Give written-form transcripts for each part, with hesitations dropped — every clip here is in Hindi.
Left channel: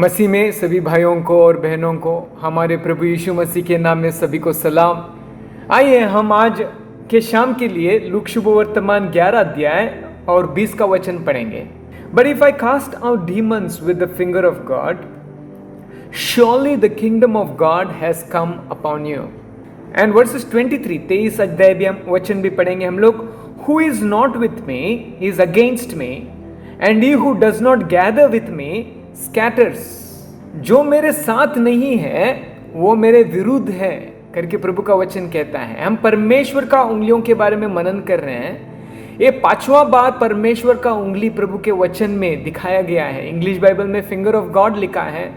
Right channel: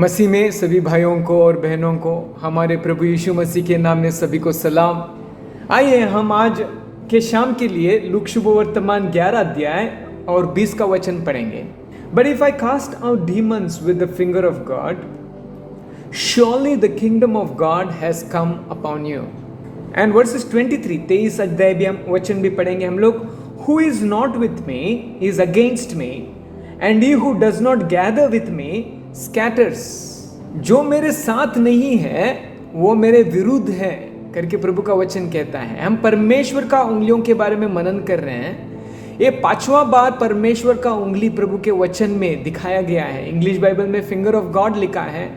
मसीह में सभी भाइयों को और बहनों को हमारे प्रभु यीशु मसीह के नाम में सभी को सलाम। आइए हम आज के शाम के लिए लूका शुभ वर्तमान 11 अध्याय और 20 का वचन पढ़ेंगे। But if I cast out demons with the finger of God, surely the kingdom of God has come upon you. And verses 23, 23 अध्याय भी हम वचन भी पढ़ेंगे हम लोग। Who is not with me is against me, and he who does not gather with me scatters. जो मेरे साथ नहीं है वो मेरे विरुद्ध है करके प्रभु का वचन कहता है। हम परमेश्वर का उंगलियों के बारे में मनन कर रहे हैं। ये 5वां बार परमेश्वर का उंगली प्रभु के वचन में दिखाया गया है। इंग्लिश बाइबल में फिंगर ऑफ गॉड लिखा है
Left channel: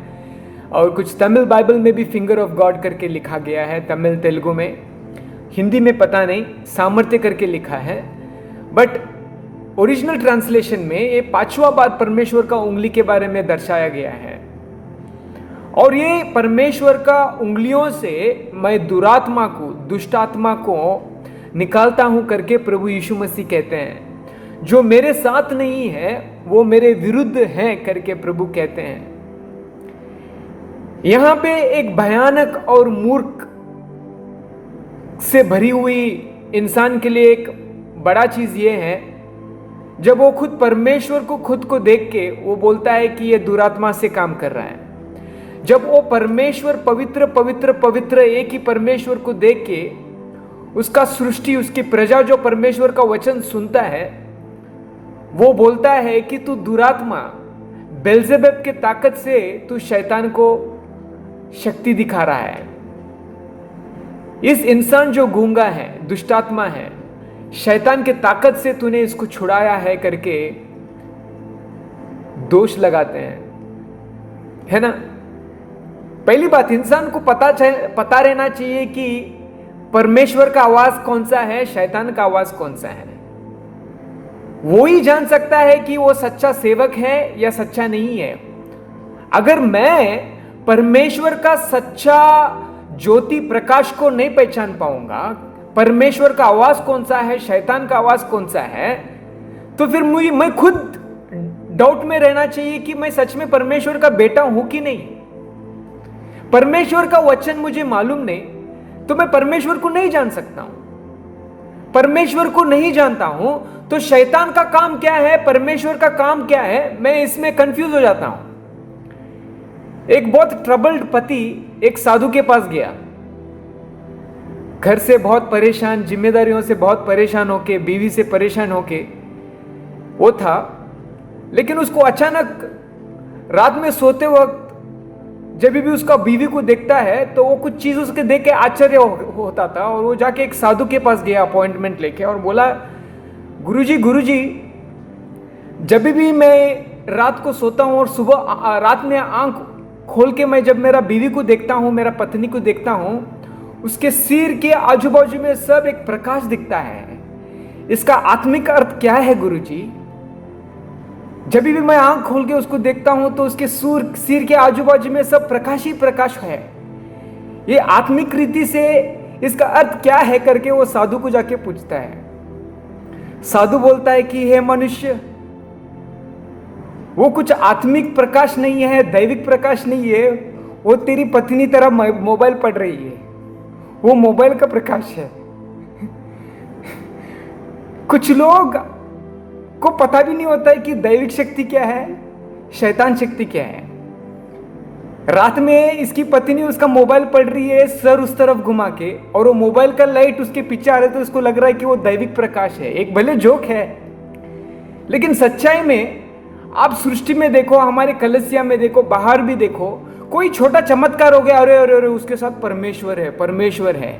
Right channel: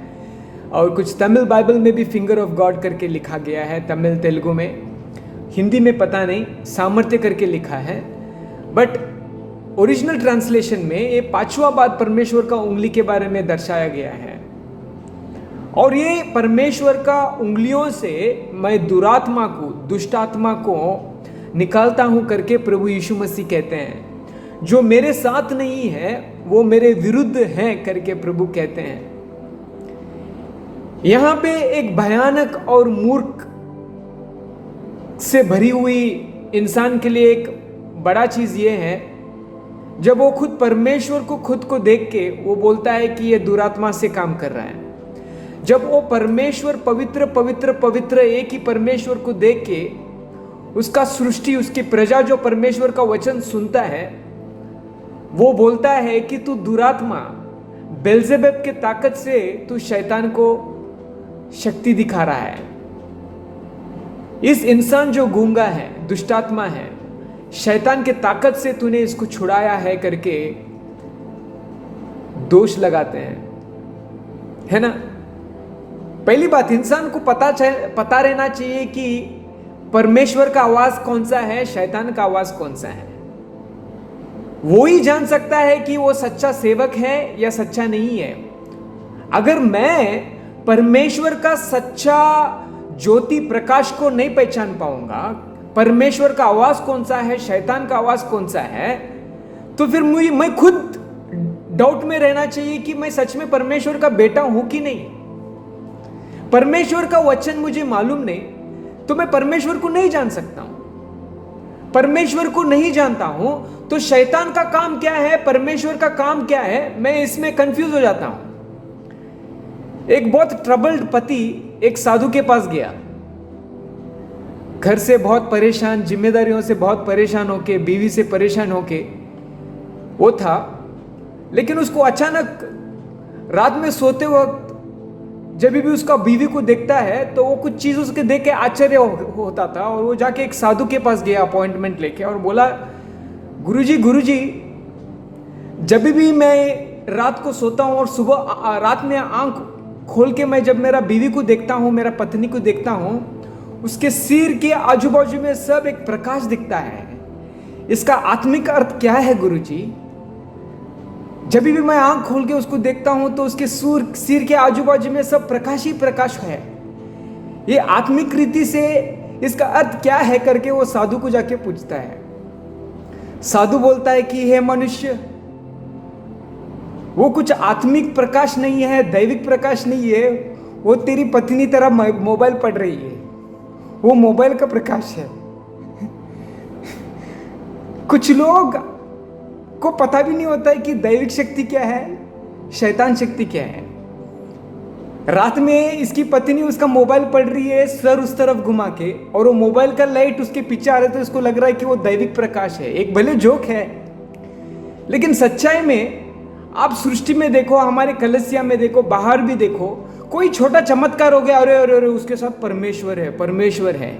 और कुछ तमिल बाइबल में भी फिंगर ऑफ गॉड करके लिखा गया है। तमिल तेलुगु में, हिंदी में पता नहीं, सामर्थ्य करके लिखा है। बट ओरिजिनल ट्रांसलेशन में ये 5वां बार परमेश्वर का उंगली के बारे में दर्शाया गया है। और ये परमेश्वर का उंगलियों से मैं दुरात्मा को, दुष्ट आत्मा को निकालता हूं करके प्रभु यीशु मसीह कहते हैं। जो मेरे साथ नहीं है वो मेरे विरुद्ध है करके प्रभु कहते हैं। यहां पे एक भयानक और मूर्ख से भरी हुई इंसान के लिए एक बड़ा चीज ये है, जब वो खुद परमेश्वर को खुद को देख के वो बोलता है कि ये दुरात्मा से काम कर रहा है। जब वो परमेश्वर पवित्र पवित्र पवित्र एक ही परमेश्वर को देख के उसका सृष्टि, उसकी प्रजा जो परमेश्वर का वचन सुनता है, वो बोलता है कि तू दुरात्मा, बेल्जेबुल के ताकत से तू शैतान को शक्ति दिखा रहा है। इस इंसान जो गूंगा है, दुष्टात्मा है, शैतान के ताकत से तूने इसको छुड़ाया है करके दोष लगाते हैं, है ना। पहली बात, इंसान को पता रहना चाहिए कि परमेश्वर का आवाज कौन सा है, शैतान का आवाज कौन सा है। वो ही जान सकता है कि वो सच्चा सेवक है या सच्चा नहीं है। अगर मैं परमेश्वर का सच्चा ज्योति प्रकाश को नहीं पहचान पाऊंगा, परमेश्वर का आवाज कौन सा है, शैतान का आवाज कौन सा है, तो फिर मैं खुद डाउट में रहना चाहिए कि मैं सच में परमेश्वर का बेटा हूं कि नहीं। परमेश्वर का वचन मुझे मालूम नहीं तो मैं परमेश्वर को नहीं जान सकता हूं। परमेश्वर को नहीं जानता हूं तो शैतान का काम क्या है, परमेश्वर का काम क्या है, मैं इसमें कंफ्यूज हो जाता हूं। एक बहुत ट्रबल्ड पति एक साधु के पास गया, घर से बहुत परेशान, जिम्मेदारियों से बहुत परेशान होके, बीवी से परेशान होके वो था। लेकिन उसको अचानक रात में सोते वक्त जब भी उसका बीवी को देखता है तो वो कुछ चीज उसके देख के आश्चर्य होता था। और वो जाके एक साधु के पास गया अपॉइंटमेंट लेके और बोला, गुरुजी जब भी मैं रात को सोता हूं और सुबह रात में आंख खोल के मैं जब मेरा बीवी को देखता हूं, मेरा पत्नी को देखता हूं, उसके सिर के आजू बाजू में सब एक प्रकाश दिखता है। इसका आत्मिक अर्थ क्या है गुरुजी? जब भी मैं आंख खोल के उसको देखता हूं तो उसके सिर के आजू बाजू में सब प्रकाश ही प्रकाश है। ये आत्मिक रीति से इसका अर्थ क्या है करके वो साधु को जाके पूछता है। साधु बोलता है कि हे मनुष्य, वो कुछ आत्मिक प्रकाश नहीं है, दैविक प्रकाश नहीं है, वो तेरी पत्नी तरह मोबाइल पढ़ रही है, वो मोबाइल का प्रकाश है। कुछ लोग को पता भी नहीं होता है कि दैविक शक्ति क्या है, शैतान शक्ति क्या है। रात में इसकी पत्नी उसका मोबाइल पढ़ रही है सर उस तरफ घुमा के, और वो मोबाइल का लाइट उसके पीछे आ रहा है तो उसको लग रहा है कि वो दैविक प्रकाश है। एक भले जोक है, लेकिन सच्चाई में आप सृष्टि में देखो, हमारे कलसिया में देखो, बाहर भी देखो, कोई छोटा चमत्कार हो गया, अरे अरे अरे उसके साथ परमेश्वर है, परमेश्वर है।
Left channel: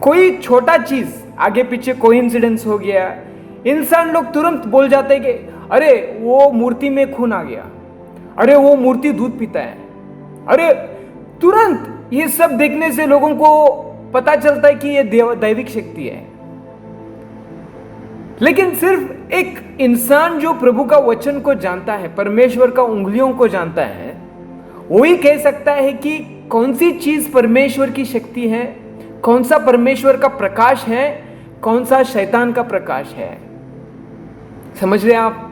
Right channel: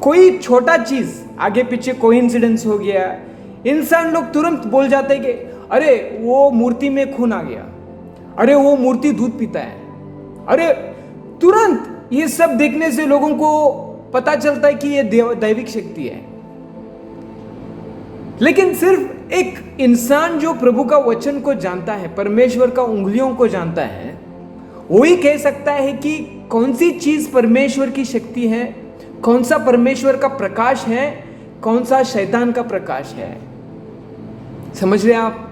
कोई छोटा चीज आगे पीछे कोइंसिडेंस हो गया, इंसान लोग तुरंत बोल जाते हैं कि अरे वो मूर्ति में खून आ गया, अरे वो मूर्ति दूध पीता है, अरे तुरंत ये सब देखने से लोगों को पता चलता है कि ये दैविक शक्ति है। लेकिन सिर्फ एक इंसान जो प्रभु का वचन को जानता है, परमेश्वर का उंगलियों को जानता है, वही कह सकता है कि कौन सी चीज परमेश्वर की शक्ति है, कौन सा परमेश्वर का प्रकाश है, कौन सा शैतान का प्रकाश है। समझ रहे आप?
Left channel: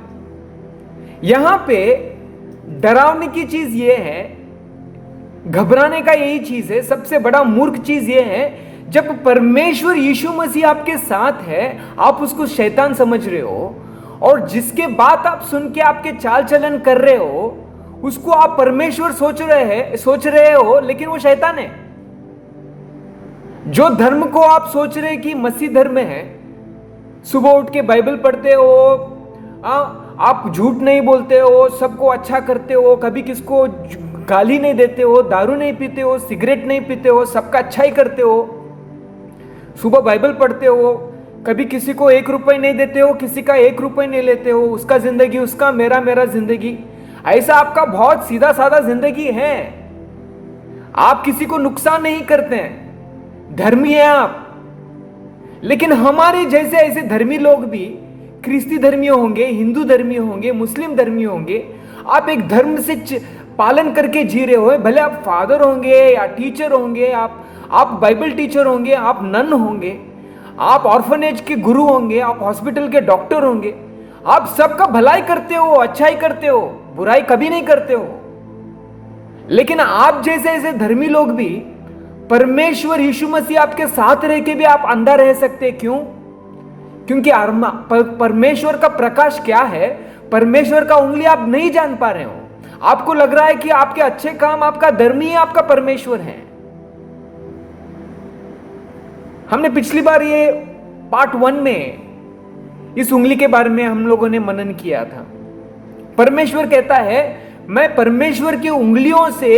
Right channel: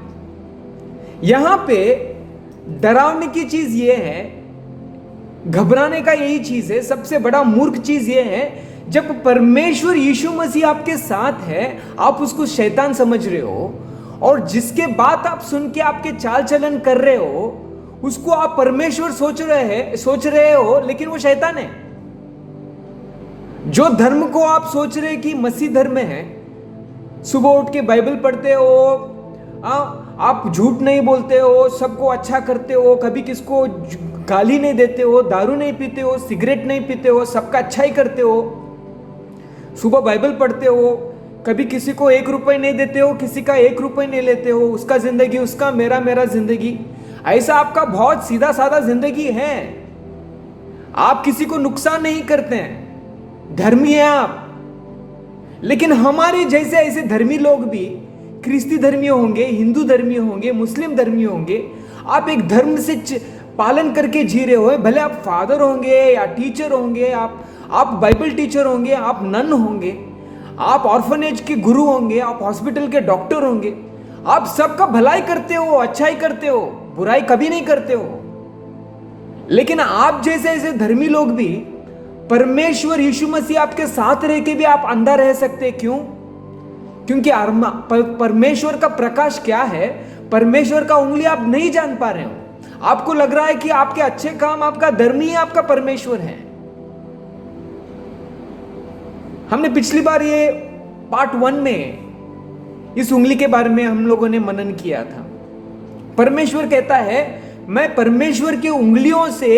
यहां पे डरावने की चीज ये है, घबराने का यही चीज है, सबसे बड़ा मूर्ख चीज ये है, जब परमेश्वर यीशु मसीह आपके साथ है, आप उसको शैतान समझ रहे हो, और जिसके बात आप सुन के आपके चाल चलन कर रहे हो उसको आप परमेश्वर सोच रहे हो, लेकिन वो शैतान है। जो धर्म को आप सोच रहे कि मसीह धर्म है, सुबह उठ के बाइबल पढ़ते हो, आप झूठ नहीं बोलते हो, सबको अच्छा करते हो, कभी किसको गाली नहीं देते हो, दारू नहीं पीते हो, सिगरेट नहीं पीते हो, सबका अच्छा ही करते हो, सुबह बाइबल पढ़ते हो, कभी किसी को 1 रुपए नहीं देते हो, किसी का 1 रुपए नहीं लेते हो, उसका जिंदगी उसका, मेरा मेरा जिंदगी, ऐसा आपका बहुत सीधा साधा जिंदगी है। आप किसी को नुकसान नहीं करते हैं, धर्मी है आप। लेकिन हमारे जैसे ऐसे धर्मी लोग भी ख्रिस्ती धर्मी होंगे, हिंदू धर्मी होंगे, मुस्लिम धर्मी होंगे, आप एक धर्म से पालन करके जी रहे हो, भले आप फादर होंगे या टीचर होंगे, आप बाइबल टीचर होंगे, आप नन होंगे, आप ऑर्फनेज के गुरु होंगे, आप हॉस्पिटल के डॉक्टर होंगे, आप सबका भलाई करते हो, अच्छाई करते हो, बुराई कभी नहीं करते हो। लेकिन आप जैसे ऐसे धर्मी लोग भी, परमेश्वर यीशु मसीह आपके साथ रह के भी आप अंधा रह सकते। क्यों? क्योंकि परमेश्वर का प्रकाश क्या है, परमेश्वर का उंगली आप नहीं जान पा रहे हो। आपको लग रहा है कि आपके अच्छे काम, आपका धर्मी है, आपका परमेश्वर है। हमने पिछली बार ये पार्ट 1 में इस उंगली के बारे में हम लोगों ने मनन किया था। परमेश्वर कहता है, मैं परमेश्वर की उंगलियों से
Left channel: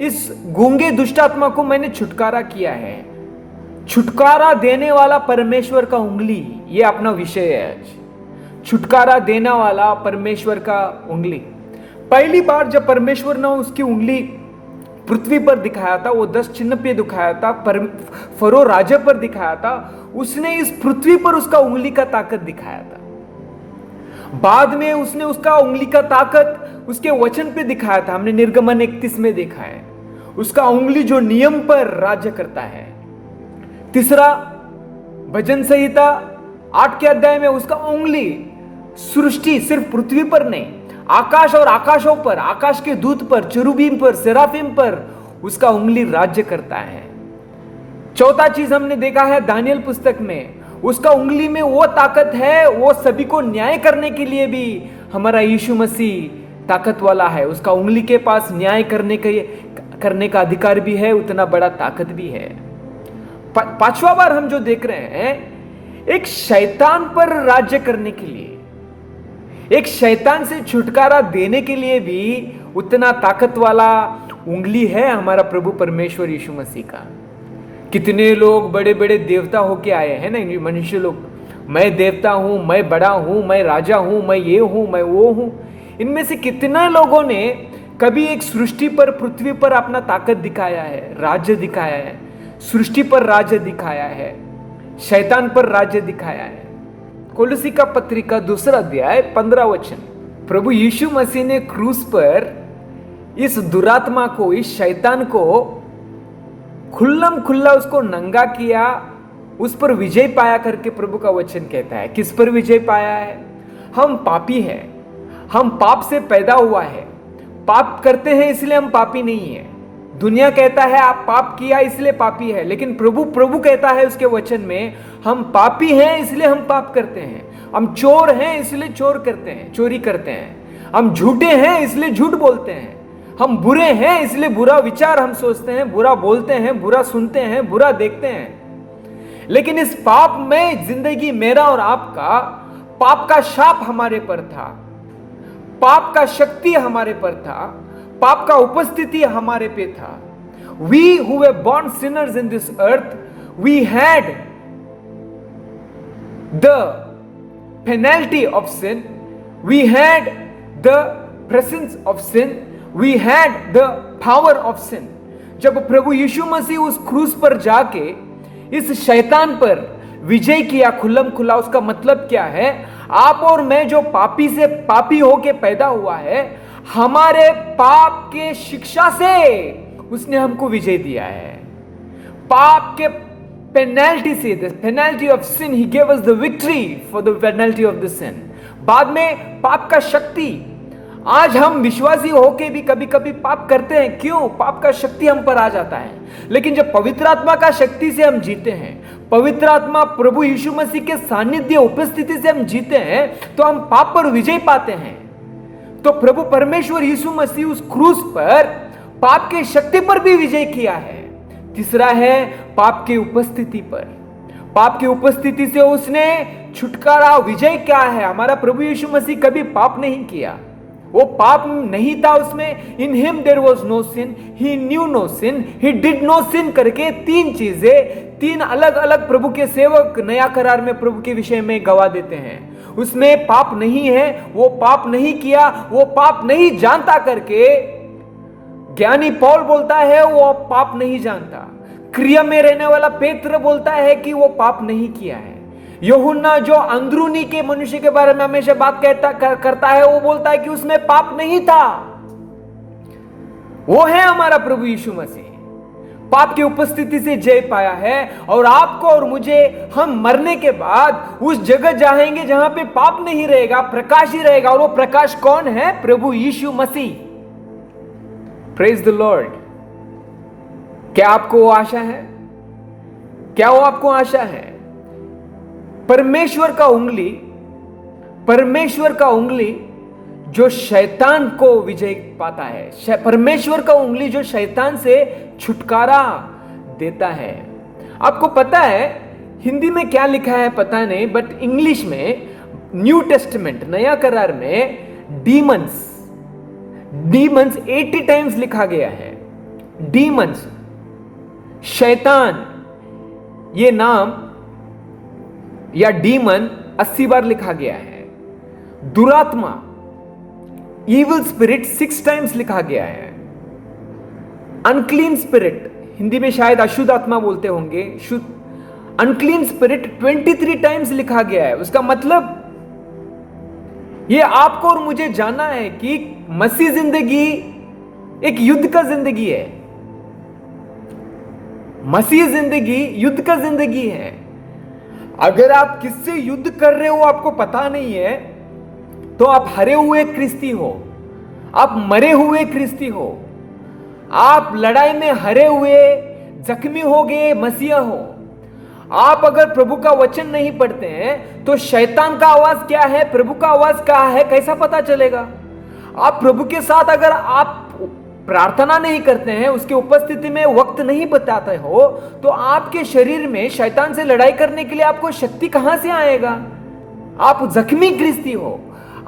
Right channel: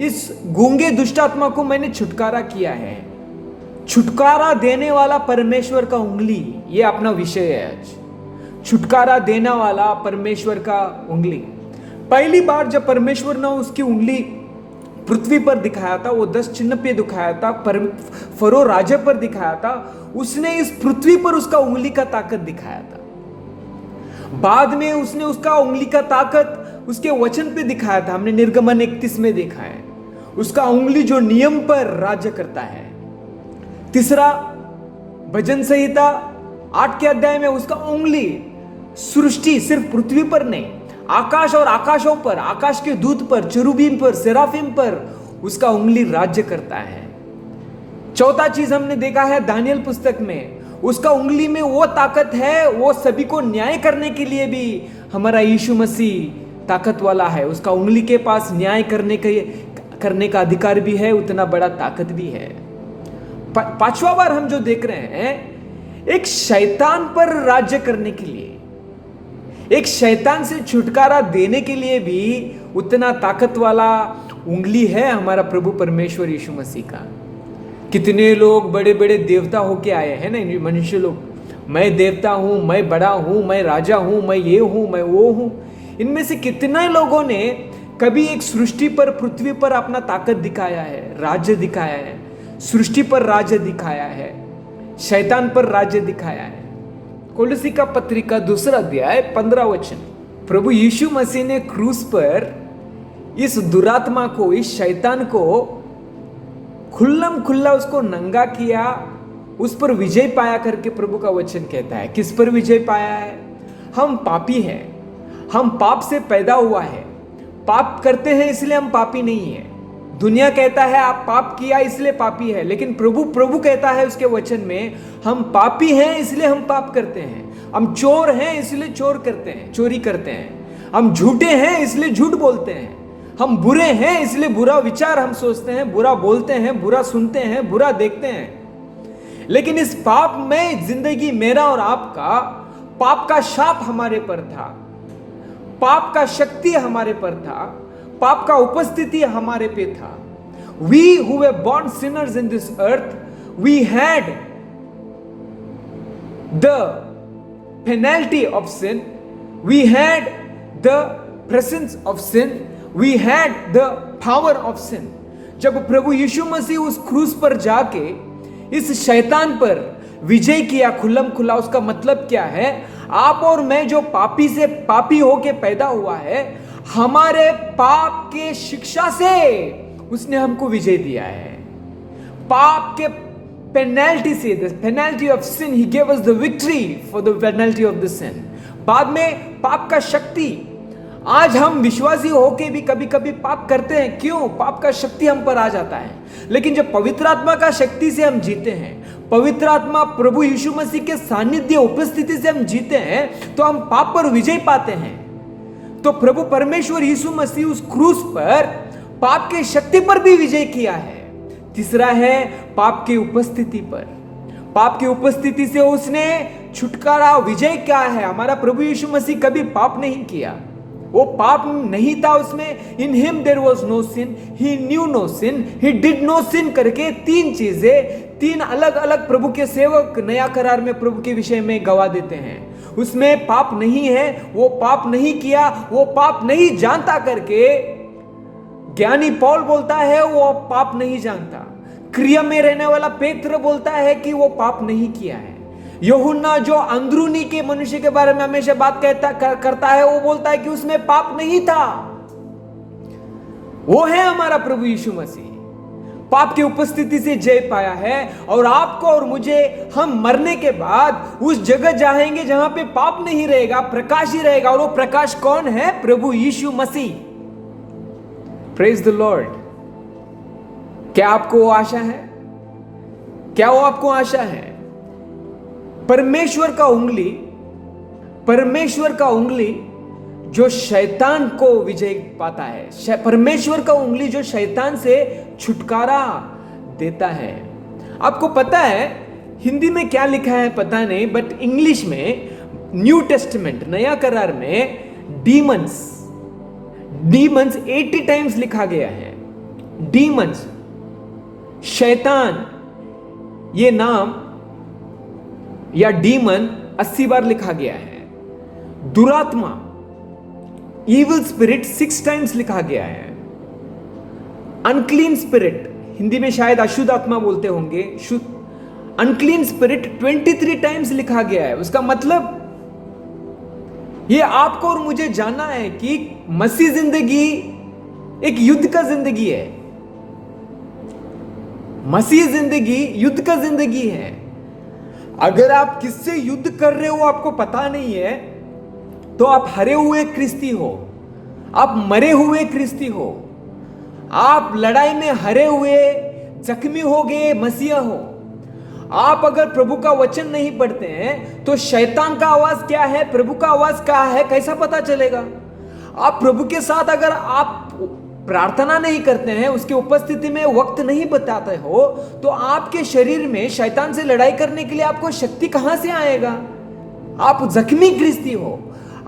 इस गूंगे दुष्टात्मा को मैंने छुटकारा किया है। छुटकारा देने वाला परमेश्वर का उंगली, ये अपना विषय है आज। छुटकारा देने वाला परमेश्वर का उंगली। पहली बार जब परमेश्वर ने उसकी उंगली पृथ्वी पर दिखाया था, वो 10 चिन्ह पे दिखाया था, फरो राजा पर दिखाया था, उसने इस पृथ्वी पर उसका उंगली का ताकत दिखाया था। बाद में उसने उसका उंगली का ताकत उसके वचन पे दिखाया था। हमने निर्गमन 31 में देखा है, उसका उंगली जो नियम पर राज्य करता है। तीसरा, भजन संहिता 8 के अध्याय में उसका उंगली सृष्टि सिर्फ पृथ्वी पर नहीं, आकाश और आकाशों पर, आकाश के दूत पर, चेरुबीम पर, सेराफिम पर उसका उंगली राज्य करता है। चौथा चीज हमने देखा है दानियल पुस्तक में, उसका उंगली में वो ताकत है, वो सभी को न्याय करने के लिए भी हमारा यीशु मसीह ताकत वाला है। उसका उंगली के पास न्याय करने का अधिकार भी है, उतना बड़ा ताकत भी है। पांचवा बार हम जो देख रहे हैं, एक शैतान पर राज्य करने के लिए, एक शैतान से छुटकारा देने के लिए भी उतना ताकत वाला उंगली है हमारा प्रभु परमेश्वर यीशु मसीह का। कितने लोग बड़े बड़े देवता होके आए हैं ना, मनुष्य लोग, मैं देवता हूं, मैं बड़ा हूं, मैं राजा हूं, मैं ये हूं, मैं वो हूं। इनमें से कितने लोगों ने कभी एक सृष्टि पर, पृथ्वी पर अपना ताकत दिखाया है, राज्य दिखाया है, सृष्टि पर राज्य दिखाया है, शैतान पर राज्य दिखाया है। कोलोसी का पत्रिका 2 अध्याय 15 वचन, प्रभु यीशु मसीह ने क्रूस पर इस दुरात्मा को, इस शैतान को खुल्लम खुल्ला उसको नंगा किया, उस पर विजय पाया करके प्रभु का वचन कहता है। किस पर विजय पाया है? हम पापी हैं, हम पाप से पैदा हुआ है, पाप करते हैं इसलिए हम पापी नहीं है। दुनिया कहता है आप पाप किया इसलिए पापी है, लेकिन प्रभु कहता है उसके वचन में, हम पापी हैं इसलिए हम पाप करते हैं, हम चोर हैं इसलिए चोर करते हैं, चोरी करते हैं, हम झूठे हैं इसलिए झूठ बोलते हैं, हम बुरे हैं इसलिए बुरा विचार हम सोचते हैं, बुरा बोलते हैं, बुरा सुनते हैं, बुरा देखते हैं। लेकिन इस पाप में जिंदगी मेरा और आपका, पाप का शाप हमारे पर था, पाप का शक्ति हमारे पर था, पाप का उपस्थिति हमारे पे था। We who were born sinners in this earth, we had the penalty of sin, we had the presence of sin, we had the power of sin. जब प्रभु यीशु मसीह उस क्रूस पर जाके इस शैतान पर विजय किया खुल्लम खुल्ला, उसका मतलब क्या है? आप और मैं जो पापी से पापी होके पैदा हुआ है, हमारे पाप के शिक्षा से उसने हमको विजय दिया है। पाप के पेनल्टी से, the penalty of sin, he gave us the victory for the penalty of the sin. बाद में पाप का शक्ति, आज हम विश्वासी होके भी कभी कभी पाप करते हैं। क्यों? पाप का शक्ति हम पर आ जाता है। लेकिन जब पवित्र आत्मा का शक्ति से हम जीते हैं, पवित्र आत्मा प्रभु यीशु मसीह के सानिध्य उपस्थिति से हम जीते हैं, तो हम पाप पर विजय पाते हैं। तो प्रभु परमेश्वर यीशु मसीह उस क्रूस पर पाप के शक्ति पर भी विजय किया है। तीसरा है पाप की उपस्थिति पर। पाप की उपस्थिति से उसने छुटकारा, विजय क्या है? हमारा प्रभु यीशु मसीह कभी पाप नहीं किया, वो पाप नहीं था उसमें। In him there was no sin, he knew no sin, he did no sin करके तीन चीजें, तीन अलग अलग प्रभु के सेवक नया करार में प्रभु के विषय में गवाह देते हैं। उसमें पाप नहीं है, वो पाप नहीं किया, वो पाप नहीं जानता करके ज्ञानी पौल बोलता है वो पाप नहीं जानता। क्रिया में रहने वाला पेत्र बोलता है कि वो पाप नहीं किया है। यूहन्ना जो अंदरूनी के मनुष्य के बारे में हमेशा बात करता है, वो बोलता है कि उसमें पाप नहीं था। वो है हमारा प्रभु यीशु मसीह। पाप की उपस्थिति से जय पाया है, और आपको और मुझे, हम मरने के बाद उस जगह जाएंगे जहां पे पाप नहीं रहेगा, प्रकाश ही रहेगा। और वो प्रकाश कौन है? प्रभु Yeshu Masih. Praise the Lord. क्या आपको वो आशा है? क्या वो आपको आशा है? परमेश्वर का उंगली जो शैतान को विजय पाता है, परमेश्वर का उंगली जो शैतान से छुटकारा देता है। आपको पता है हिंदी में क्या लिखा है पता नहीं, बट इंग्लिश में न्यू टेस्टमेंट नया करार में डीमंस 80 टाइम्स लिखा गया है। डीमंस, शैतान, ये नाम या डीमन 80 बार लिखा गया है। दुरात्मा, इविल स्पिरिट 6 टाइम्स लिखा गया है। अनक्लीन स्पिरिट, हिंदी में शायद अशुद्ध आत्मा बोलते होंगे, अनक्लीन स्पिरिट 23 टाइम्स लिखा गया है। उसका मतलब ये आपको और मुझे जानना है कि मसीह जिंदगी एक युद्ध का जिंदगी है। मसीह जिंदगी युद्ध का जिंदगी है। अगर आप किससे युद्ध कर रहे हो आपको पता नहीं है, तो आप हरे हुए क्रिस्ती हो, आप मरे हुए क्रिस्ती हो, आप लड़ाई में हरे हुए जख्मी हो गए मसीहा हो। आप अगर प्रभु का वचन नहीं पढ़ते हैं तो शैतान का आवाज क्या है, प्रभु का आवाज क्या है, कैसा पता चलेगा? आप प्रभु के साथ अगर आप प्रार्थना नहीं करते हैं, उसके उपस्थिति में वक्त नहीं बताते हो, तो आपके शरीर में शैतान से लड़ाई करने के लिए आपको शक्ति कहां से आएगा? आप जख्मी क्रिस्ती हो,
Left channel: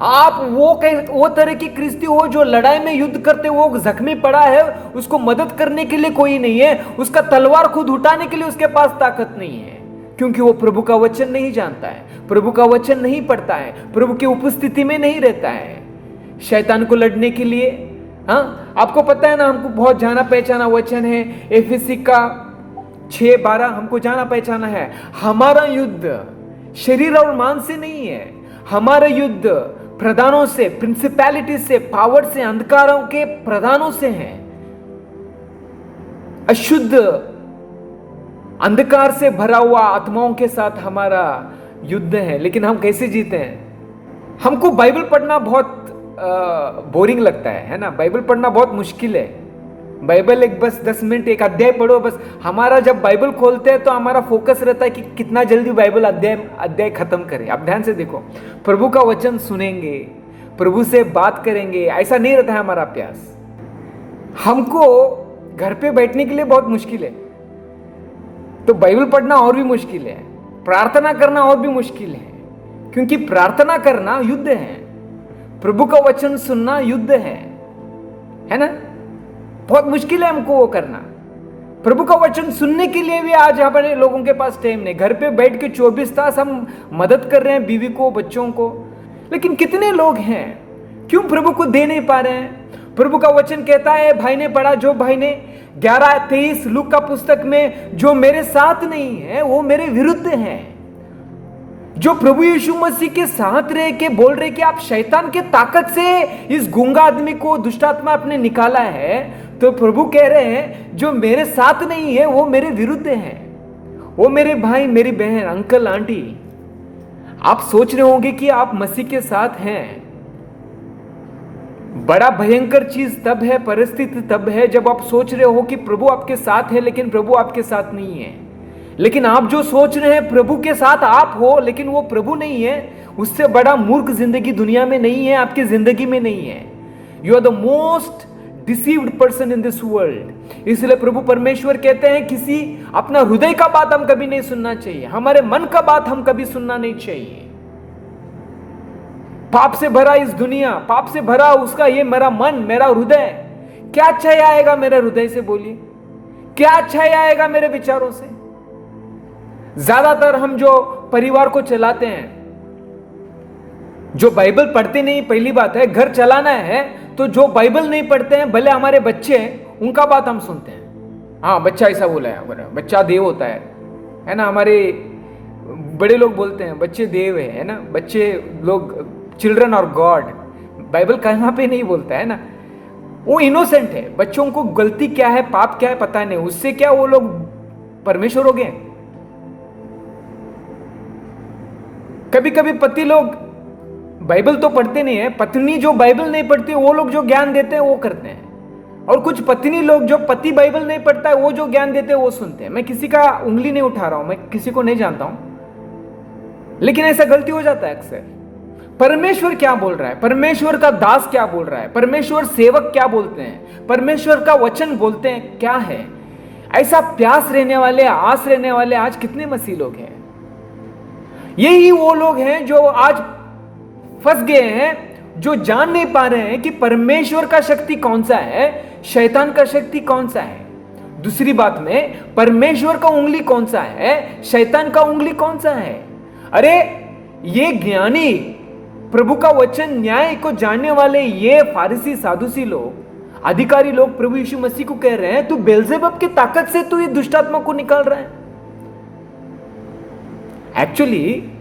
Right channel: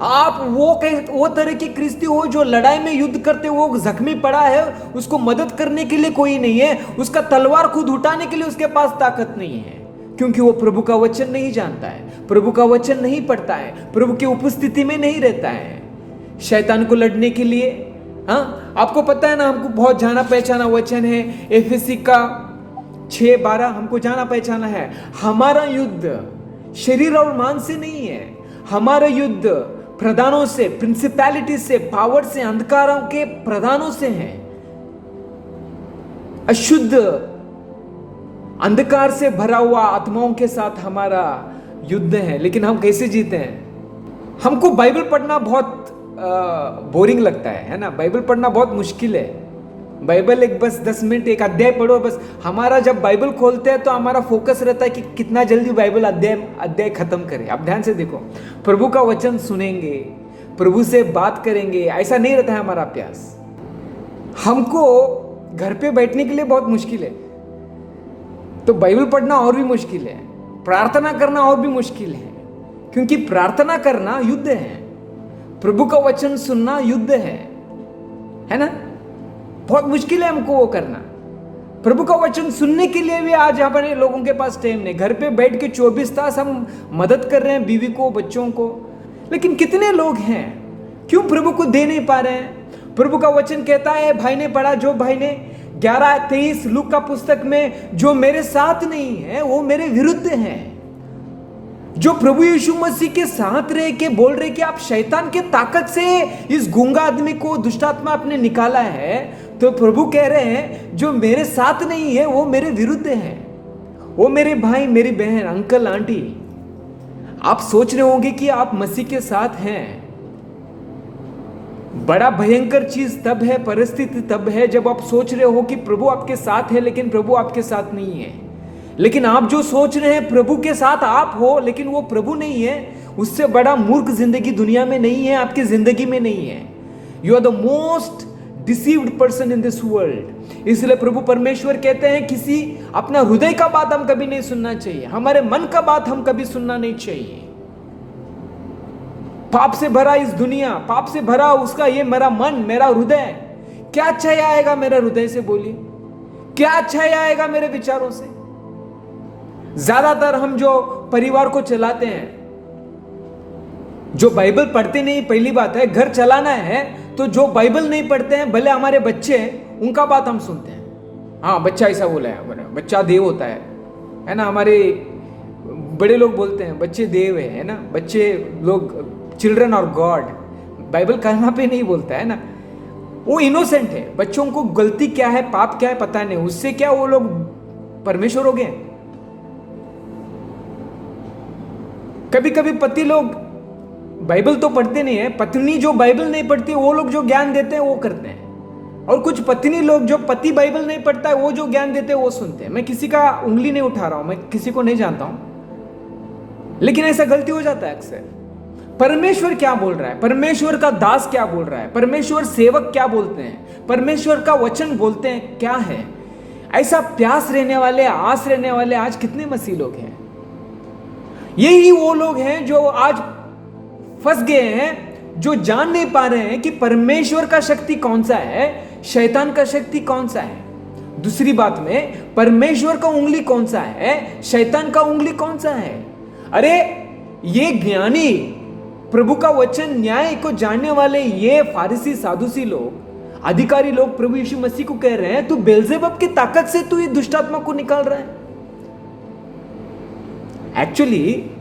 आप वो तरह की क्रिस्ती हो जो लड़ाई में युद्ध करते, वो जख्मी पड़ा है, उसको मदद करने के लिए कोई नहीं है, उसका तलवार खुद उठाने के लिए उसके पास ताकत नहीं है, क्योंकि वो प्रभु का वचन नहीं जानता है, प्रभु का वचन नहीं पढ़ता है, प्रभु की उपस्थिति में नहीं रहता है। शैतान को लड़ने के लिए, हाँ, आपको पता है ना, हमको बहुत जाना पहचाना वचन है एफएसी का 6:12, हमको जाना पहचाना है। हमारा युद्ध शरीर और मांस से नहीं है, हमारा युद्ध प्रधानों से, प्रिंसिपैलिटी से, पावर से, अंधकारों के प्रधानों से है। अशुद्ध अंधकार से भरा हुआ आत्माओं के साथ हमारा युद्ध है। लेकिन हम कैसे जीते हैं? हमको बाइबल पढ़ना बहुत बोरिंग लगता है ना? बाइबल पढ़ना बहुत मुश्किल है। बाइबल एक बस 10 मिनट एक अध्याय पढ़ो बस। हमारा जब बाइबल खोलते हैं तो हमारा फोकस रहता है कि कितना जल्दी बाइबल अध्याय खत्म करें। आप ध्यान से देखो, प्रभु का वचन सुनेंगे, प्रभु से बात करेंगे, ऐसा नहीं रहता है हमारा अभ्यास। हमको घर पे बैठने के लिए बहुत मुश्किल है, तो बाइबल पढ़ना और भी मुश्किल है, प्रार्थना करना और भी मुश्किल है, क्योंकि प्रार्थना करना युद्ध है, प्रभु का वचन सुनना युद्ध है ना? बहुत मुश्किल है हमको वो करना। प्रभु का वचन सुनने के लिए भी आज हमारे लोगों के पास टाइम नहीं। घर पे बैठ के 24 तास हम मदद कर रहे हैं बीवी को, बच्चों को, लेकिन कितने लोग हैं क्यों प्रभु को दे नहीं पा रहे हैं? प्रभु का वचन कहता है, भाई ने पढ़ा, जो भाई ने 11:23 लूका का पुस्तक में, जो मेरे साथ नहीं है वो मेरे विरुद्ध है। जो प्रभु यीशु मसीह के साथ रह के बोल रहे कि आप शैतान की ताकत से इस गूंगा आदमी को, दुष्टात्मा आपने निकाला है, तो प्रभु कह रहे हैं जो मेरे साथ नहीं है वो मेरे विरुद्ध है। वो मेरे भाई, मेरी बहन, अंकल, आंटी, आप सोच रहे होंगे कि आप मसीह के साथ हैं, बड़ा भयंकर चीज तब है, परिस्थिति तब है जब आप सोच रहे हो कि प्रभु आपके साथ है लेकिन प्रभु आपके साथ नहीं है। लेकिन आप जो सोच रहे हैं प्रभु के साथ आप हो लेकिन वो प्रभु नहीं है, उससे बड़ा मूर्ख जिंदगी दुनिया में नहीं है, आपकी जिंदगी में नहीं है। You are the most deceived person in this world. इसलिए प्रभु परमेश्वर कहते हैं किसी अपना हृदय का बात हम कभी नहीं सुनना चाहिए, हमारे मन का बात हम कभी सुनना नहीं चाहिए। पाप से भरा इस दुनिया, पाप से भरा उसका ये मेरा मन, मेरा हृदय, क्या अच्छा आएगा मेरे हृदय से? बोलिए, क्या अच्छा आएगा मेरे विचारों से? ज्यादातर हम जो परिवार को चलाते हैं, जो बाइबल पढ़ते नहीं, पहली बात है घर चलाना है तो जो बाइबल नहीं पढ़ते हैं, भले हमारे बच्चे, उनका बात हम सुनते हैं। हाँ, बच्चा ऐसा बोला है, बच्चा देव होता है ना। हमारे बड़े लोग बोलते हैं बच्चे देव है ना, बच्चे लोग चिल्ड्रन और गॉड। बाइबल कहां पे नहीं बोलता है ना। वो इनोसेंट है, बच्चों को गलती क्या है, पाप क्या है पता नहीं, उससे क्या वो लोग परमेश्वर हो गए। कभी कभी पति लोग बाइबल तो पढ़ते नहीं है, पत्नी जो बाइबल नहीं पढ़ती वो लोग जो ज्ञान देते हैं वो करते हैं, और कुछ पत्नी लोग जो पति बाइबल नहीं पढ़ता है वो जो ज्ञान देते हैं वो सुनते हैं। मैं किसी का उंगली नहीं उठा रहा हूं, मैं किसी को नहीं जानता हूं, लेकिन ऐसा गलती हो जाता है अक्सर। परमेश्वर क्या बोल रहा है, परमेश्वर का दास क्या बोल रहा है, परमेश्वर सेवक क्या बोलते हैं, परमेश्वर का वचन बोलते हैं क्या है, ऐसा प्यास रहने वाले, आस रहने वाले आज कितने मसीह लोग हैं। यही वो लोग हैं जो आज फंस गए हैं, जो जान नहीं पा रहे हैं कि परमेश्वर का शक्ति कौन सा है, शैतान का शक्ति कौन सा है। दूसरी बात में, परमेश्वर का उंगली कौन सा है, शैतान का उंगली कौन सा है। अरे ये ज्ञानी, प्रभु का वचन, न्याय को जानने वाले ये फारिसी, साधुसी लोग, अधिकारी लोग प्रभु यीशु मसीह को कह रहे हैं तू बेलजेबुल की ताकत से तू ये दुष्टात्मा को निकाल रहा है। एक्चुअली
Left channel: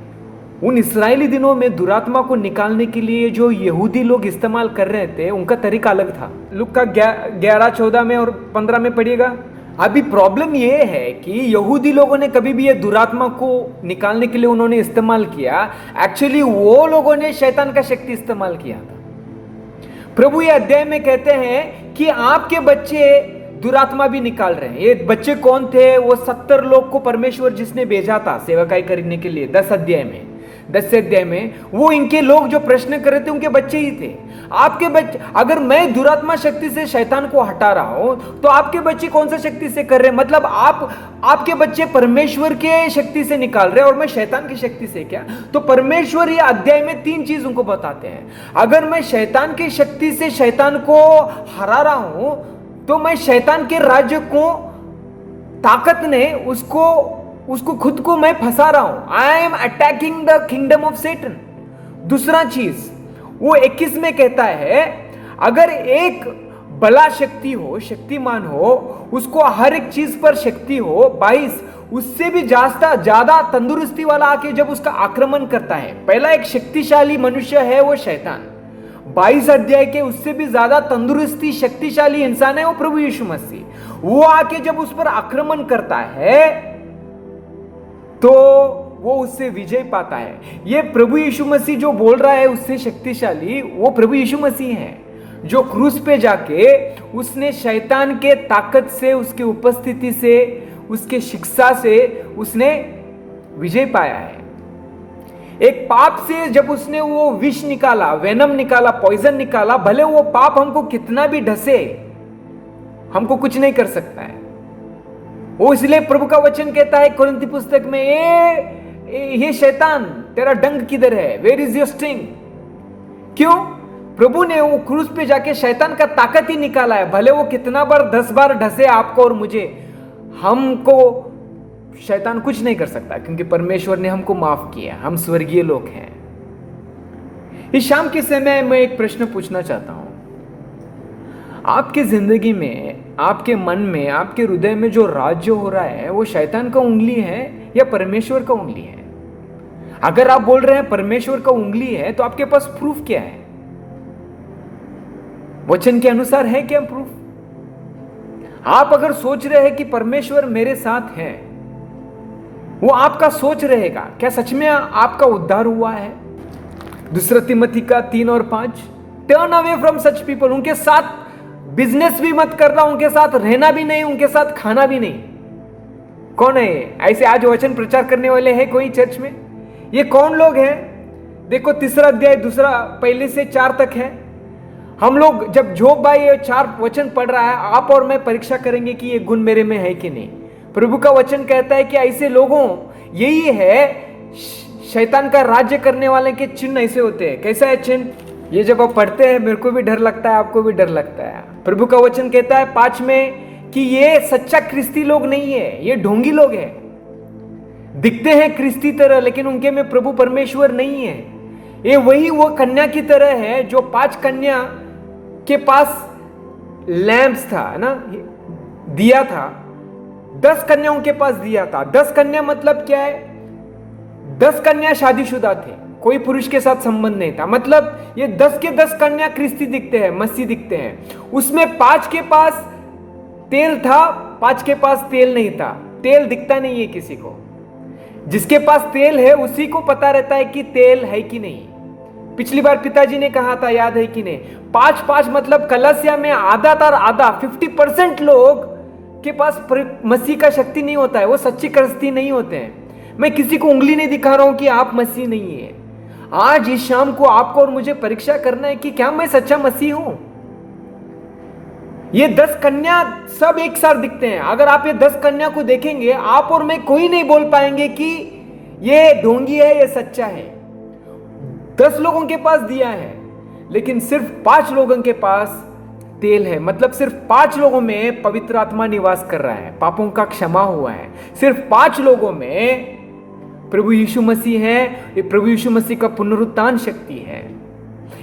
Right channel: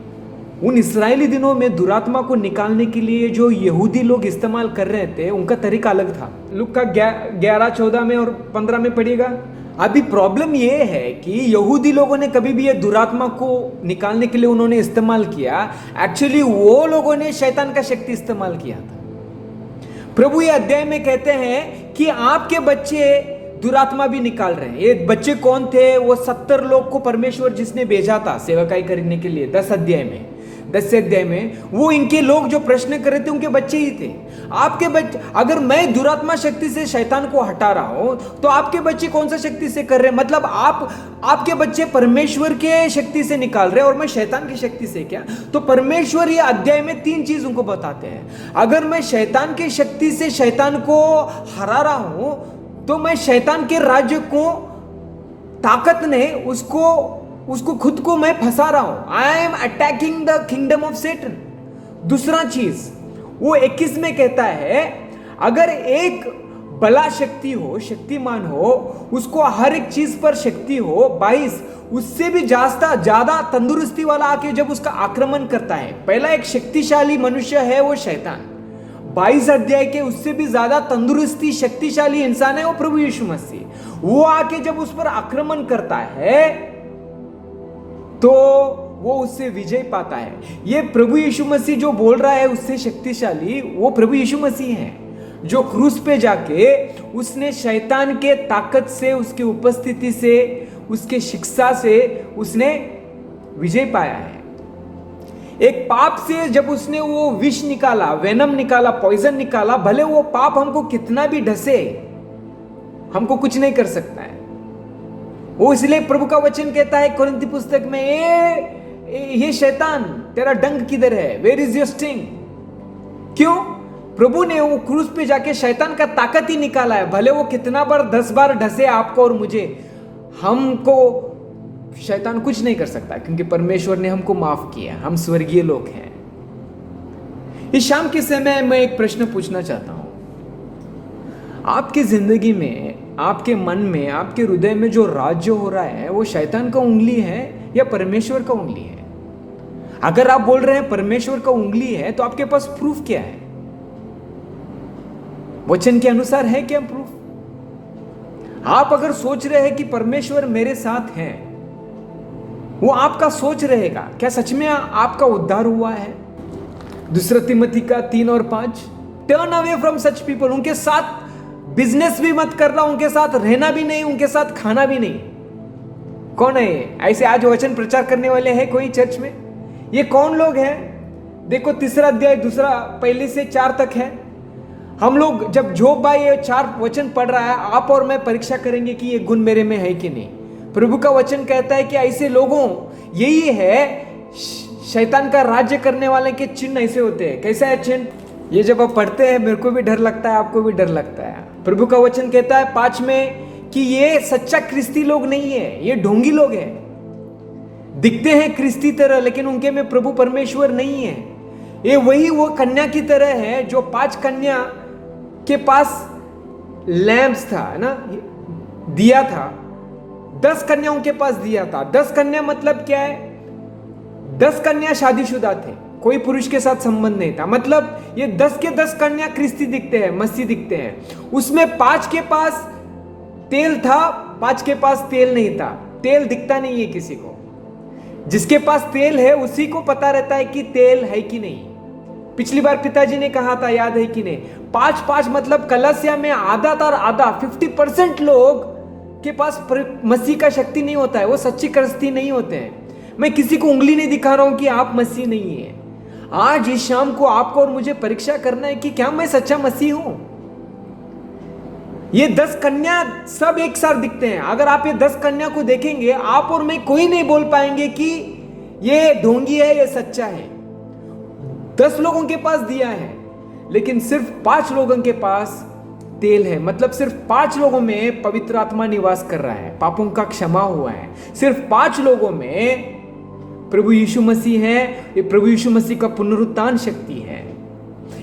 उन इस्राएली दिनों में दुरात्मा को निकालने के लिए जो यहूदी लोग इस्तेमाल कर रहे थे उनका तरीका अलग था। लूका 11:14 में और 15 में पढ़िएगा। अभी प्रॉब्लम यह है कि यहूदी लोगों ने कभी भी ये दुरात्मा को निकालने के लिए उन्होंने इस्तेमाल किया, एक्चुअली वो लोगों ने शैतान का शक्ति इस्तेमाल किया था। प्रभु ये अध्याय में कहते हैं कि आपके बच्चे दुरात्मा भी निकाल रहे हैं। ये बच्चे कौन थे? वो 70 लोग को परमेश्वर जिसने भेजा था सेवकाई करने के लिए 10 अध्याय में वो इनके लोग जो प्रश्न कर रहे थे उनके बच्चे ही थे। आपके बच्चे, अगर मैं दुरात्मा शक्ति से शैतान को हटा रहा हूं तो आपके बच्चे कौन सा शक्ति से कर रहे हैं? मतलब आपके बच्चे परमेश्वर के शक्ति से निकाल रहे हैं और मैं शैतान की शक्ति से क्या? तो परमेश्वर ये अध्याय में 3 चीज उनको बताते हैं। अगर मैं शैतान की शक्ति से शैतान को हरा रहा हूं तो मैं शैतान के राज्य को, ताकत ने उसको खुद को मैं फंसा रहा हूं। I am attacking the kingdom of Satan. दूसरा चीज वो 21 में कहता है, अगर एक बला शक्ति हो, शक्तिमान हो, उसको हर एक चीज पर शक्ति हो, 22 उससे भी ज्यादा तंदुरुस्ती वाला आके जब उसका आक्रमण करता है, पहला एक शक्तिशाली मनुष्य है वो शैतान, 22 अध्याय के उससे भी ज्यादा तंदुरुस्ती शक्तिशाली इंसान है वो प्रभु यीशु मसीह। वो आके जब उस पर आक्रमण करता है तो वो उससे विजय पाता है। ये प्रभु यीशु मसीह जो बोल रहा है उससे शक्तिशाली वो प्रभु यीशु मसीह है, जो क्रूस पे जाके उसने शैतान के ताकत से, उसके उपस्थिति से, उसके शिक्षा से उसने विजय पाया है। एक पाप से जब उसने वो विष निकाला, वेनम निकाला, पॉइजन निकाला, भले वो पाप हमको कितना भी ढसे हमको कुछ नहीं कर सकता है। वो इसलिए प्रभु का वचन कहता है कुरिन्थी पुस्तक में, ये शैतान तेरा डंक किधर है, वेयर इज योर स्टिंग। क्यों? प्रभु ने वो क्रूस पे जाके शैतान का ताकत ही निकाला है। भले वो कितना बार 10 बार ढसे आपको और मुझे, हमको शैतान कुछ नहीं कर सकता क्योंकि परमेश्वर ने हमको माफ किया, हम स्वर्गीय लोग हैं। इस शाम के समय मैं एक प्रश्न पूछना चाहता हूं, आपके जिंदगी में, आपके मन में, आपके हृदय में जो राज्य हो रहा है वो शैतान का उंगली है या परमेश्वर का उंगली है? अगर आप बोल रहे हैं परमेश्वर का उंगली है तो आपके पास प्रूफ क्या है? वचन के अनुसार है क्या प्रूफ? आप अगर सोच रहे हैं कि परमेश्वर मेरे साथ है, वो आपका सोच रहेगा, क्या सच में आपका उद्धार हुआ है? दूसरा तिमोथी का 3 और 5, turn away from such people. उनके साथ बिजनेस भी मत करना, उनके साथ रहना भी नहीं, उनके साथ खाना भी नहीं। कौन है ये? ऐसे आज वचन प्रचार करने वाले हैं कोई चर्च में? ये कौन लोग हैं? देखो 3 अध्याय 1 से 4 तक है। हम लोग जब जोब भाई ये 4 वचन पढ़ रहा है, आप और मैं परीक्षा करेंगे कि ये गुण मेरे में है कि नहीं। प्रभु का वचन कहता है कि ऐसे लोगों, यही है शैतान का राज्य करने वाले के चिन्ह ऐसे होते हैं। कैसा है चिन्ह? ये जब आप पढ़ते हैं मेरे को भी डर लगता है, आपको भी डर लगता है। प्रभु का वचन कहता है 5 में कि ये सच्चा क्रिस्ती लोग नहीं है, ये ढोंगी लोग हैं। दिखते हैं क्रिस्ती तरह लेकिन उनके में प्रभु परमेश्वर नहीं है। ये वही वो कन्या की तरह है जो 5 कन्या के पास लैंप्स था ना, दिया था। 10 कन्याओं के पास दिया था। 10 कन्या मतलब क्या है? 10 कन्या शादीशुदा थे, कोई पुरुष के साथ संबंध नहीं था। मतलब ये 10 के 10 कन्या क्रिस्ती दिखते हैं, मसीह दिखते हैं। उसमें 5 के पास तेल था, 5 के पास तेल नहीं था। तेल दिखता नहीं है किसी को। जिसके पास तेल है उसी को पता रहता है कि तेल है कि नहीं। पिछली बार पिताजी ने कहा था, याद है कि नहीं? 5-5 मतलब कलसिया में आधा था, आधा 50% लोग के पास मसीह का शक्ति नहीं होता है, वो सच्ची क्रिस्ती नहीं होते हैं। मैं किसी को उंगली नहीं दिखा रहा हूं कि आप मसीह नहीं है। आज इस शाम को आपको और मुझे परीक्षा करना है कि क्या मैं सच्चा मसीह हूं। ये 10 कन्या सब एक साथ दिखते हैं। अगर आप ये 10 कन्या को देखेंगे, आप और मैं कोई नहीं बोल पाएंगे कि ये ढोंगी है, ये सच्चा है। 10 लोगों के पास दिया है लेकिन सिर्फ 5 लोगों के पास तेल है। मतलब सिर्फ 5 लोगों में पवित्र आत्मा निवास कर रहा है, पापों का क्षमा हुआ है। सिर्फ 5 लोगों में प्रभु यीशु मसीह है। ये प्रभु यीशु मसीह का पुनरुत्थान शक्ति है।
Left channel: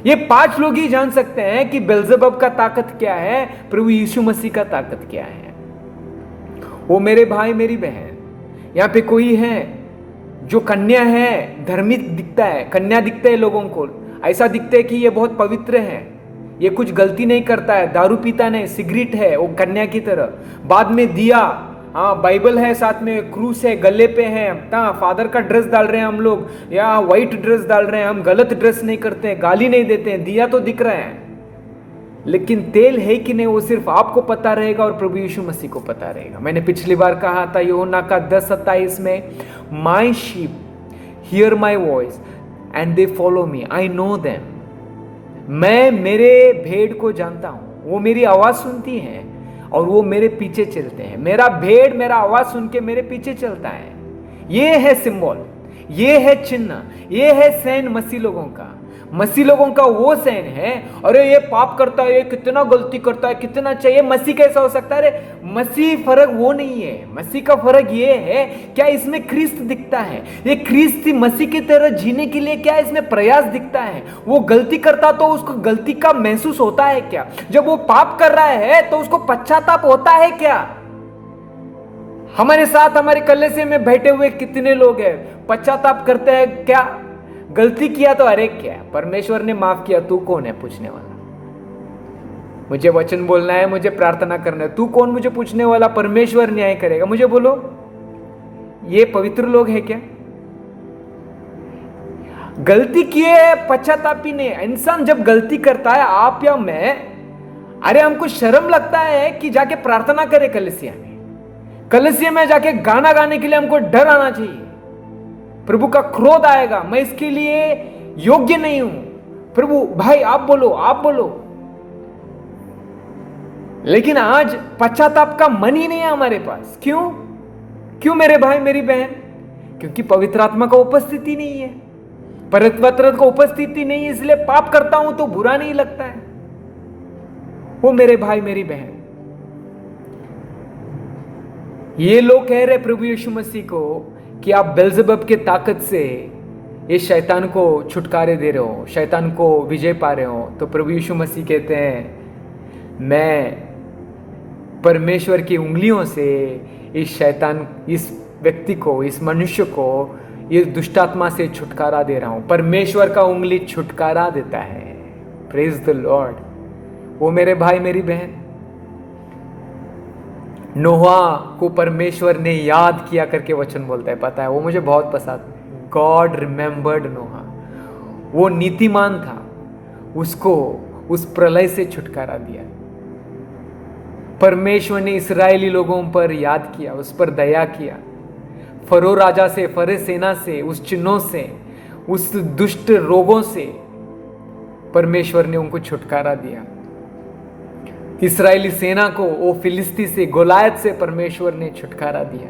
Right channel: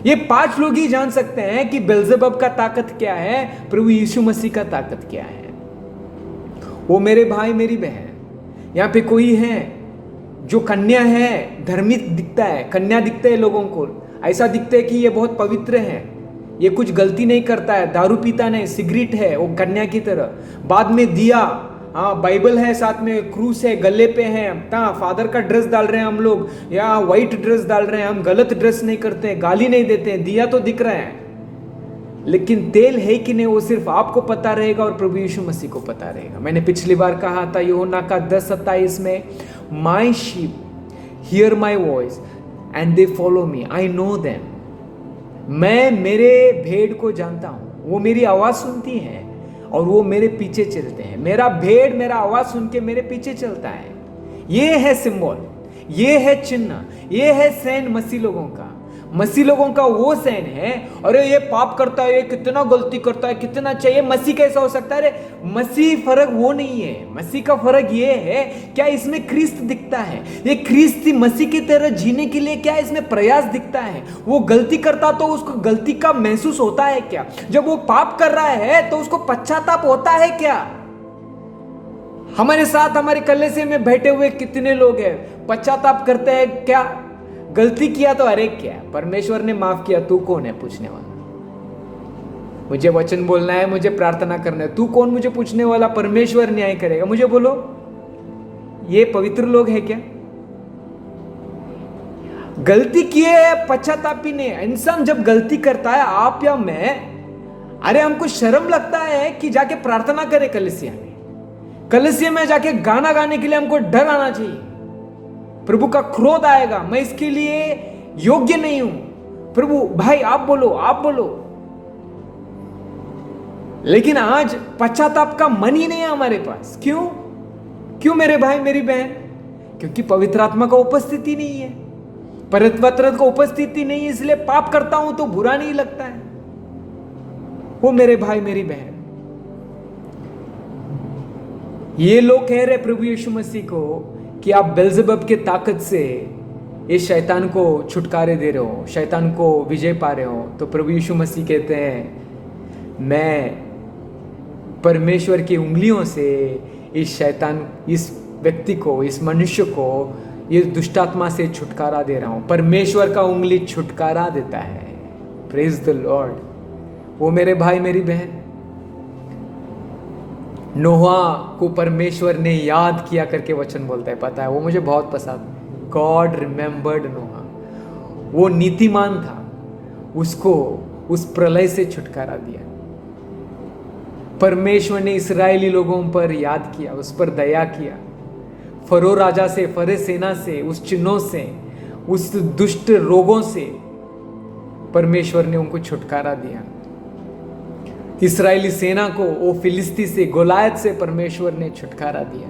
ये 5 लोग ही जान सकते हैं कि बेल्जेबब का ताकत क्या है, प्रभु यीशु मसीह का ताकत क्या है। वो मेरे भाई मेरी बहन, यहां पे कोई है जो कन्या है, धर्मी दिखता है, कन्या दिखता है लोगों को, ऐसा दिखता है कि ये बहुत पवित्र है, ये कुछ गलती नहीं करता है, दारू पीता नहीं, सिगरेट है, वो कन्या की तरह। बाद में दिया, हाँ बाइबल है, साथ में क्रूस है, गले पे है, फादर का ड्रेस डाल रहे हैं हम लोग, या व्हाइट ड्रेस डाल रहे हैं, हम गलत ड्रेस नहीं करते हैं, गाली नहीं देते हैं, दिया तो दिख रहा है। लेकिन तेल है कि नहीं वो सिर्फ आपको पता रहेगा और प्रभु यीशु मसीह को पता रहेगा। मैंने पिछली बार कहा था यूहन्ना का 10:27 में, my sheep hear my voice and they follow me, I know them. मैं मेरे भेड़ को जानता हूं, वो मेरी आवाज सुनती है और वो मेरे पीछे चलते हैं। मेरा भेड़ मेरा आवाज सुन के मेरे पीछे चलता है। ये है सिंबल, ये है चिन्ह, ये है सैन मसीह लोगों का। मसीह लोगों का वो सैन है। अरे ये पाप करता है, ये कितना गलती करता है, कितना चाहिए, मसीह कैसा हो सकता है? अरे मसीह फर्क वो नहीं है। मसीह का फर्क ये है, क्या इसमें क्रिस्त दिखता है? ये क्रिस्त मसीह की तरह जीने के लिए क्या इसमें प्रयास दिखता है? वो गलती करता तो उसको गलती का महसूस होता है क्या? जब वो पाप कर रहा है तो उसको पश्चाताप होता है क्या? हमारे साथ हमारे कलीसिया में बैठे हुए कितने लोग हैं, पश्चाताप करते हैं क्या? गलती किया तो अरे क्या, परमेश्वर ने माफ किया, तू कौन है पूछने वाला? मुझे वचन बोलना है, मुझे प्रार्थना करना है, तू कौन मुझे पूछने वाला? परमेश्वर न्याय करेगा। मुझे बोलो, ये पवित्र लोग हैं क्या? गलती किए पश्चातापी नहीं। इंसान जब गलती करता है, आप या मैं, अरे हमको शर्म लगता है कि जाके प्रार्थना करे कलीसिया में। कलीसिया में जाके गाना गाने के लिए हमको डर आना चाहिए। प्रभु का क्रोध आएगा, मैं इसके लिए योग्य नहीं हूं। प्रभु भाई आप बोलो, आप बोलो। लेकिन आज पश्चाताप का मन ही नहीं है हमारे पास। क्यों? क्यों मेरे भाई मेरी बहन? क्योंकि पवित्र आत्मा का उपस्थिति नहीं है, पवित्र का उपस्थिति नहीं, इसलिए पाप करता हूं तो बुरा नहीं लगता है। वो मेरे भाई मेरी बहन, ये लोग कह रहे प्रभु यीशु मसीह को कि आप बेल्जेबब के ताकत से इस शैतान को छुटकारे दे रहे हो, शैतान को विजय पा रहे हो। तो प्रभु यीशु मसीह कहते हैं, मैं परमेश्वर की उंगलियों से इस शैतान, इस व्यक्ति को, इस मनुष्य को, इस दुष्टात्मा से छुटकारा दे रहा हूं। परमेश्वर का उंगली छुटकारा देता है। Praise the Lord. वो मेरे भाई मेरी बहन, नोहा को परमेश्वर ने याद किया करके वचन बोलता है, पता है? वो मुझे बहुत पसंद। गॉड रिमेंबर्ड नोहा। वो नीतिमान था, उसको उस प्रलय से छुटकारा दिया। परमेश्वर ने इस्राएली लोगों पर याद किया, उस पर दया किया। फरो राजा से, फरे सेना से, उस चिन्हों से, उस दुष्ट रोगों से परमेश्वर ने उनको छुटकारा दिया। इस्राएली सेना को वो फिलिस्ती से, गोलायत से परमेश्वर ने छुटकारा दिया।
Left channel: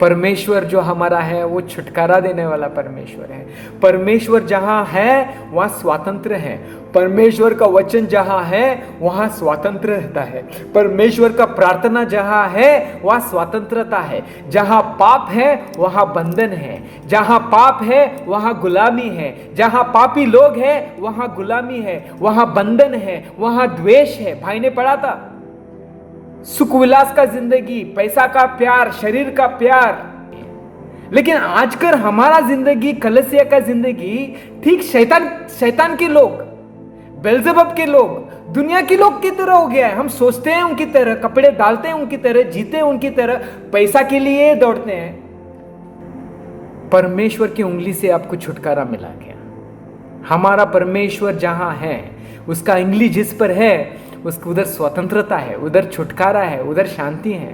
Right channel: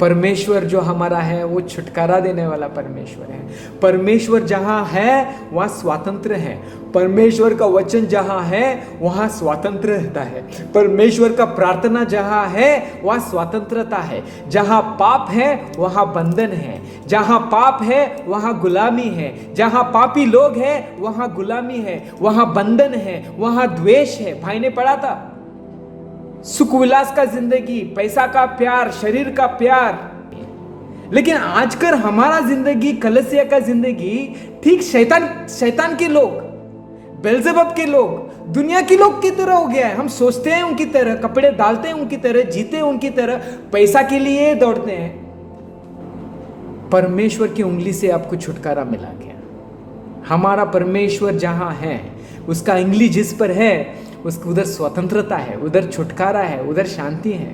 परमेश्वर जो हमारा है वो छुटकारा देने वाला परमेश्वर है। परमेश्वर जहां है वहां स्वातंत्र है। परमेश्वर का वचन जहां है वहां स्वातंत्र रहता है। परमेश्वर का प्रार्थना जहां है वहां स्वतंत्रता है। जहां पाप है वहां बंधन है। जहां पाप है वहां गुलामी है। जहां पापी लोग हैं वहां गुलामी है, वहां बंधन है, वहां द्वेष है। भाई ने पढ़ा था, सुख विलास का जिंदगी, पैसा का प्यार, शरीर का प्यार। लेकिन आजकल हमारा जिंदगी, कलीसिया का जिंदगी ठीक शैतान के लोग, बेल्जेबुल के लोग, दुनिया के लोग की तरह हो गया है। हम सोचते हैं उनकी तरह, कपड़े डालते हैं उनकी तरह, जीते हैं उनकी तरह, पैसा के लिए दौड़ते हैं। परमेश्वर की उंगली से आपको छुटकारा मिला गया। हमारा परमेश्वर जहां है, उसका उंगली जिस पर है उसको उधर स्वतंत्रता है, उधर छुटकारा है, उधर शांति है।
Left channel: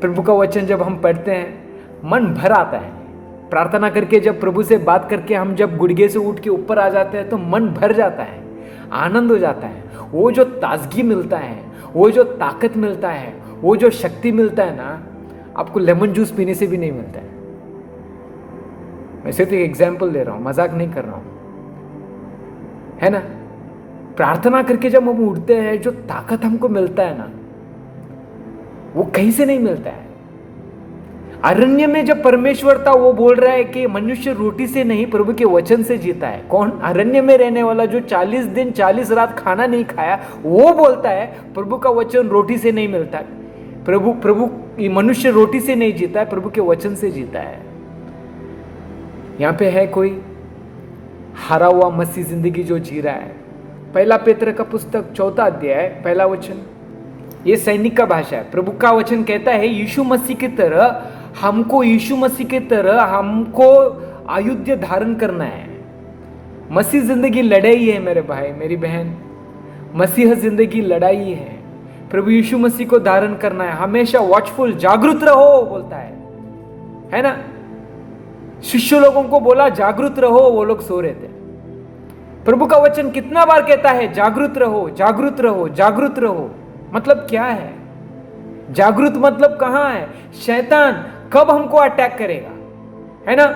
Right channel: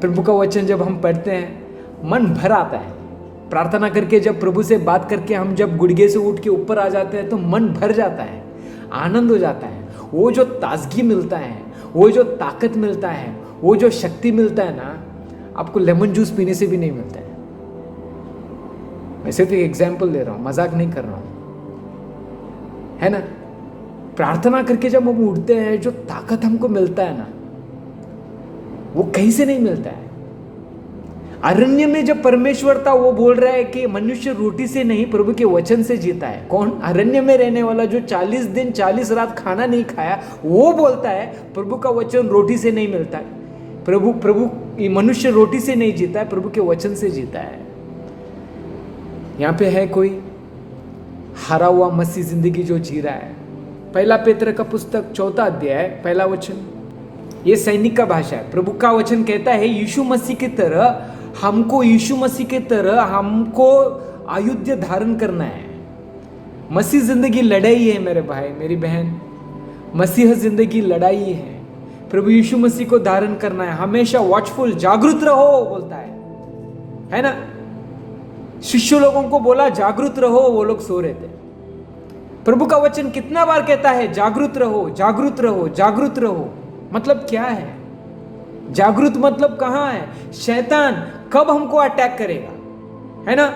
प्रभु का वचन जब हम पढ़ते हैं मन भर आता है। प्रार्थना करके जब प्रभु से बात करके हम जब गुड़गे से उठ के ऊपर आ जाते हैं तो मन भर जाता है, आनंद हो जाता है। वो जो ताजगी मिलता है, वो जो ताकत मिलता है, वो जो शक्ति मिलता है ना, आपको लेमन जूस पीने से भी नहीं मिलता है। मैं सिर्फ एक एग्जाम्पल दे रहा हूं, मजाक नहीं कर रहा हूं, है ना। प्रार्थना करके जब हम उठते हैं जो ताकत हमको मिलता है ना, वो कहीं से नहीं मिलता है। अरण्य में जब परमेश्वर था वो बोल रहा है कि मनुष्य रोटी से नहीं प्रभु के वचन से जीता है। कौन? अरण्य में रहने वाला जो 40 दिन 40 रात खाना नहीं खाया, वो बोलता है प्रभु का वचन रोटी से नहीं मिलता है। प्रभु मनुष्य रोटी से नहीं जीता है, प्रभु के वचन से जीता है। यहां पे है कोई हारा हुआ मसीह जिंदगी जो जी रहा है। पहला पेत्र का पुस्तक 4 अध्याय 1 वचन, ये सैनिक का भाषा है। प्रभु का वचन कहता है यीशु मसीह की तरह हमको आयुध धारण करना है। मसीह जिंदगी लड़ाई है मेरे भाई मेरी बहन, मसीह जिंदगी लड़ाई है। प्रभु यीशु मसीह को धारण करना है। हमेशा वॉचफुल, जागरूक रहो बोलता है ना। शिष्य लोगों को बोला जागरूक रहो, वो लोग सो रहे थे। प्रभु का वचन कितना बार कहता है जागरूक रहो, जागरूक रहो, जागरूक रहो। मतलब क्या है जागरूक? मतलब कहां है? शैतान कब हमको अटैक करेगा, है ना।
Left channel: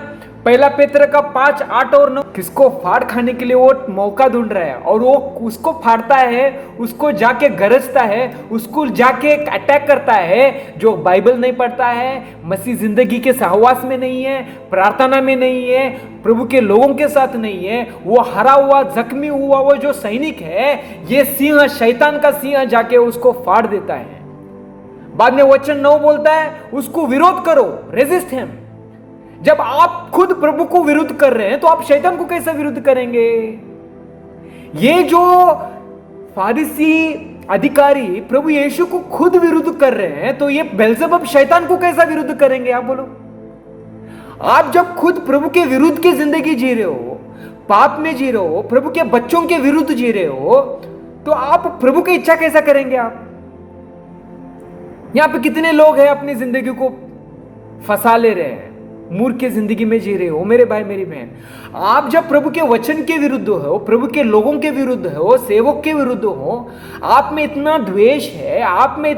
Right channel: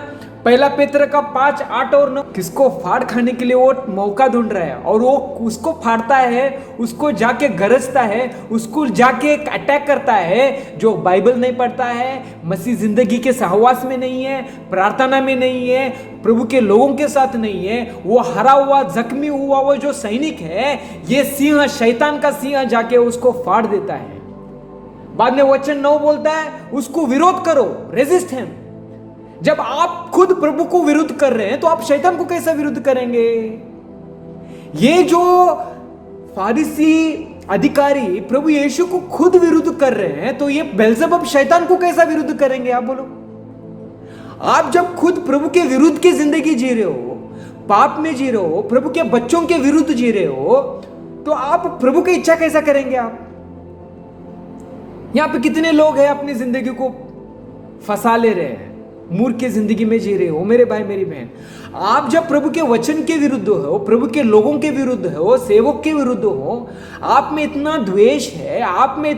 पहला पेत्र का 5, 8 और 9 किसको फाड़ खाने के लिए वो मौका ढूंढ रहा है, और वो उसको फाड़ता है, उसको जाके गरजता है, उसको जाके अटैक करता है। जो बाइबल नहीं पढ़ता है, मसीह जिंदगी के सहवास में नहीं है, प्रार्थना में नहीं है, प्रभु के लोगों के साथ नहीं है, वो हरा हुआ, जख्मी हुआ वो जो सैनिक है, ये सिंह, शैतान का सिंह जाके उसको फाड़ देता है। बाद में वचन 9 बोलता है उसको विरोध करो, रेजिस्ट हिम। जब आप खुद प्रभु को विरुद्ध कर रहे हैं तो आप शैतान को कैसे विरुद्ध करेंगे? ये जो फारिसी अधिकारी प्रभु यीशु को खुद विरुद्ध कर रहे हैं, तो ये बेल्जेबुल शैतान को कैसा विरुद्ध करेंगे? आप बोलो। आप जब खुद प्रभु के विरुद्ध की जिंदगी जी रहे हो, पाप में जी रहे हो, प्रभु के बच्चों के विरुद्ध जी रहे हो, तो आप प्रभु की इच्छा कैसा करेंगे? आप यहां पे कितने लोग हैं अपनी जिंदगी को फंसा ले रहे हैं, मूर्ख की जिंदगी में जी रहे हो मेरे भाई मेरी बहन। आप जब प्रभु के वचन के विरुद्ध हो, प्रभु के लोगों के विरुद्ध हो, सेवक के विरुद्ध हो, आप में इतना द्वेष है, आप में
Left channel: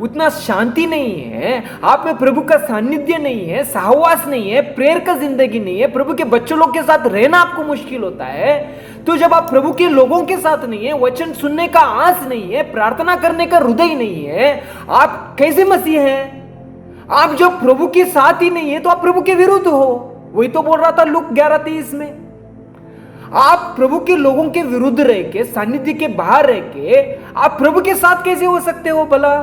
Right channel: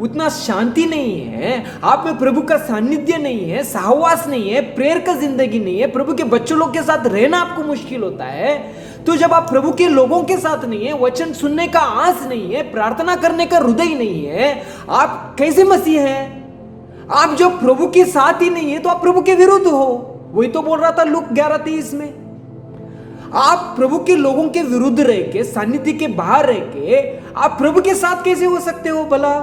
उतना शांति नहीं है, आप में प्रभु का सानिध्य नहीं है, सहवास नहीं है, प्रेयर का जिंदगी नहीं है, प्रभु के बच्चों लोग के साथ रहना आपको मुश्किल होता है। तो जब आप प्रभु के लोगों के साथ नहीं है, वचन सुनने का आस नहीं है, प्रार्थना करने का हृदय नहीं है, आप कैसे मसीह हैं? आप जब प्रभु के साथ ही नहीं है तो आप प्रभु के विरुद्ध हो। वही तो बोल रहा था लूक 11:23 में। आप प्रभु के लोगों के विरुद्ध रह के, सानिध्य के बाहर रह के, आप प्रभु के साथ कैसे हो सकते हो भला?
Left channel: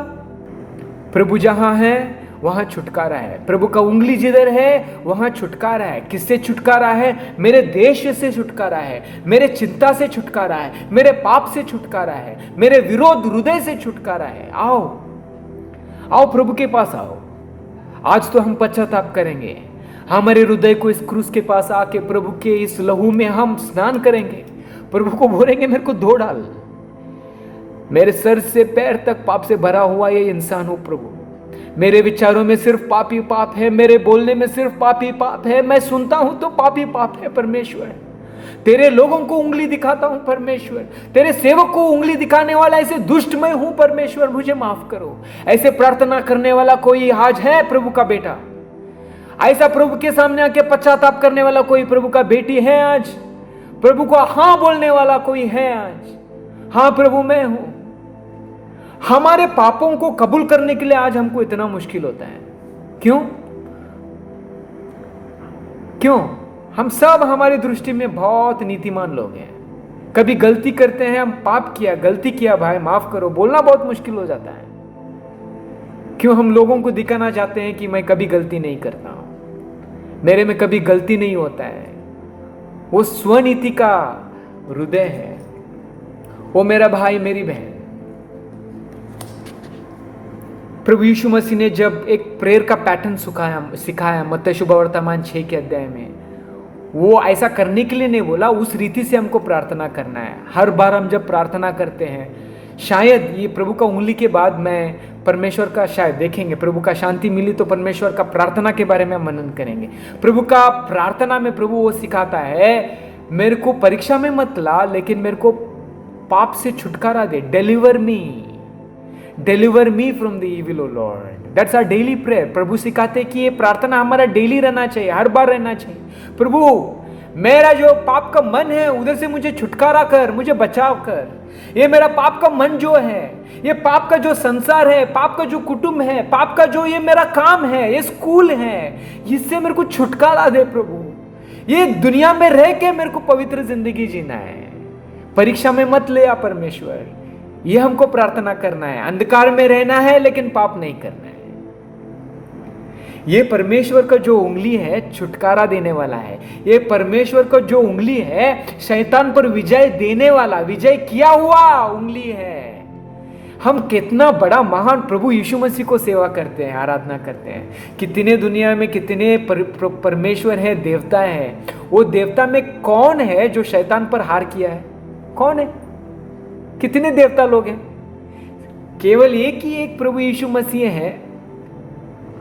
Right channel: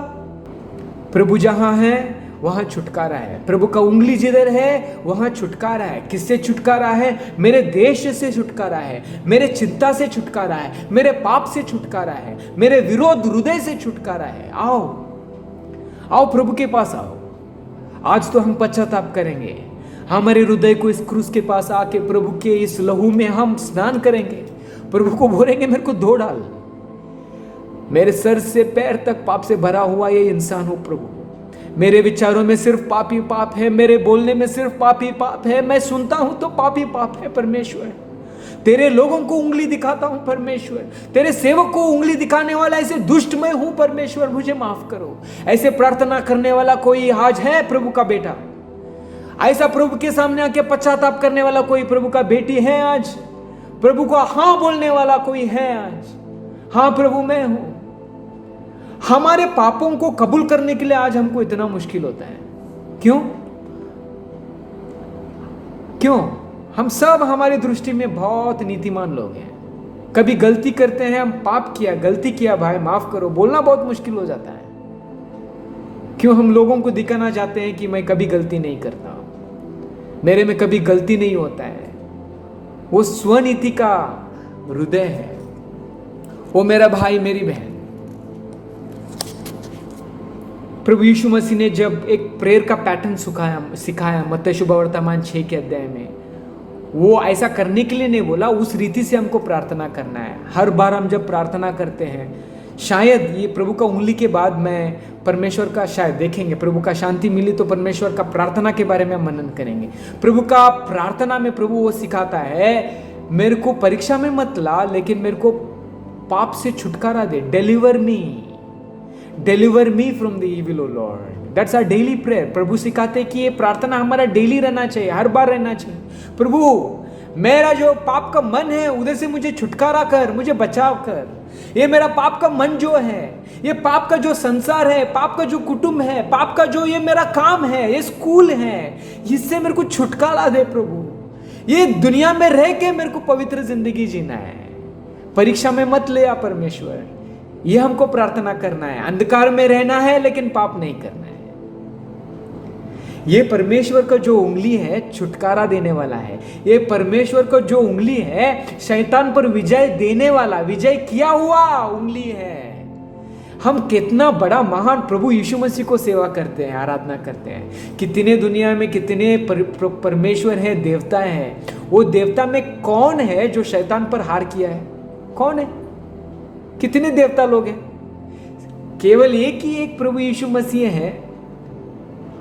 प्रभु जहां है वहां छुटकारा है। प्रभु का उंगली जिधर है वहां छुटकारा है। किससे छुटकारा है? मेरे देश से छुटकारा है, मेरे चिंता से छुटकारा है, मेरे पाप से छुटकारा है, मेरे विरोध हृदय से छुटकारा है। आओ आओ प्रभु के पास आओ। आज तो हम पश्चाताप करेंगे, हमारे हृदय को इस क्रूस के पास आके प्रभु के इस लहू में हम स्नान करेंगे, प्रभु को बोलेंगे मेरे को धो डाल, मेरे सर से पैर तक पाप से भरा हुआ ये इंसान हूं प्रभु, मेरे विचारों में सिर्फ पाप ही पाप है, मेरे बोलने में सिर्फ पाप ही पाप है, मैं सुनता हूं तो पाप ही पाप है परमेश्वर, तेरे लोगों को उंगली दिखाता हूं परमेश्वर, तेरे सेवक को उंगली दिखाने वाला ऐसे दुष्ट मैं हूं परमेश्वर, मुझे माफ करो। ऐसे प्रार्थना करने वाला कोई आज है प्रभु का बेटा? ऐसा प्रभु के सामने आके पश्चाताप करने वाला कोई प्रभु का बेटी है आज? प्रभु को हां बोलने वाला कोई है आज? हां प्रभु मैं हूं। हमारे पापों को कबूल करने के लिए आज हमको इतना मुश्किल होता है, क्यों? हम सब हमारी दृष्टि में बहुत नीतिमान लोग हैं। कभी गलती करते हैं, हम पाप किया, गलती किया भाई माफ करो, बोलना बहुत मुश्किल हो जाता है। क्यों? हम लोगों को दिखाना चाहते हैं कि मैं कभी गलती नहीं करता हूं, मेरे में कभी गलती नहीं होता है। वो स्वनीति का हृदय है। वो मेरा भाई मेरी बहन, प्रभु यीशु मसीह ने जब एक प्रेयर का पैटर्न सिखाया मत्ती शुभवर्तमान 6 के अध्याय में, वो ऐसा करने के लिए नहीं बोला, उस रीति से हमको प्रार्थना करना है। हर बार हम जब प्रार्थना करते हैं, शायद ये प्रभु का उंगली के बाद में परमेश्वर का शायद देखेंगे, प्रभु का शांति मिली तो परमेश्वर का प्रार्थना के बारे में मनन करेंगे। प्रभु का प्रार्थना में प्रभु वो सिखाता है, मेरे को परीक्षा में मत ला, लेकिन मेरे को पाप से छुटकारा दे, deliver me from the evil O Lord. That's our daily prayer. प्रभु सिखाते कि ये प्रार्थना हमारा डेली रहना चाहिए, हर बार रहना चाहिए। प्रभु मेरा जो पाप का मन है उधर से मुझे छुटकारा कर, मुझे बचाव कर। ये मेरा पाप का मन जो है, ये पाप का जो संसार है, पाप का जो कुटुंब है, पाप का जो ये मेरा काम है, ये स्कूल है, इससे मेरे को छुटकारा दे प्रभु। ये दुनिया में रह के मेरे को पवित्र जिंदगी जीना है, परीक्षा में मत ले आ परमेश्वर। ये हमको प्रार्थना करना है। अंधकार में रहना है लेकिन पाप नहीं करना है। ये परमेश्वर का जो उंगली है छुटकारा देने वाला है। ये परमेश्वर का जो उंगली है शैतान पर विजय देने वाला, विजय किया हुआ उंगली है। हम कितना बड़ा महान प्रभु यीशु मसीह को सेवा करते हैं, आराधना करते हैं। कितने दुनिया में कितने परमेश्वर है, देवता है। वो देवता में कौन है जो शैतान पर हार किया है? कौन है? कितने देवता लोग हैं? केवल एक ही एक प्रभु यीशु मसीह है,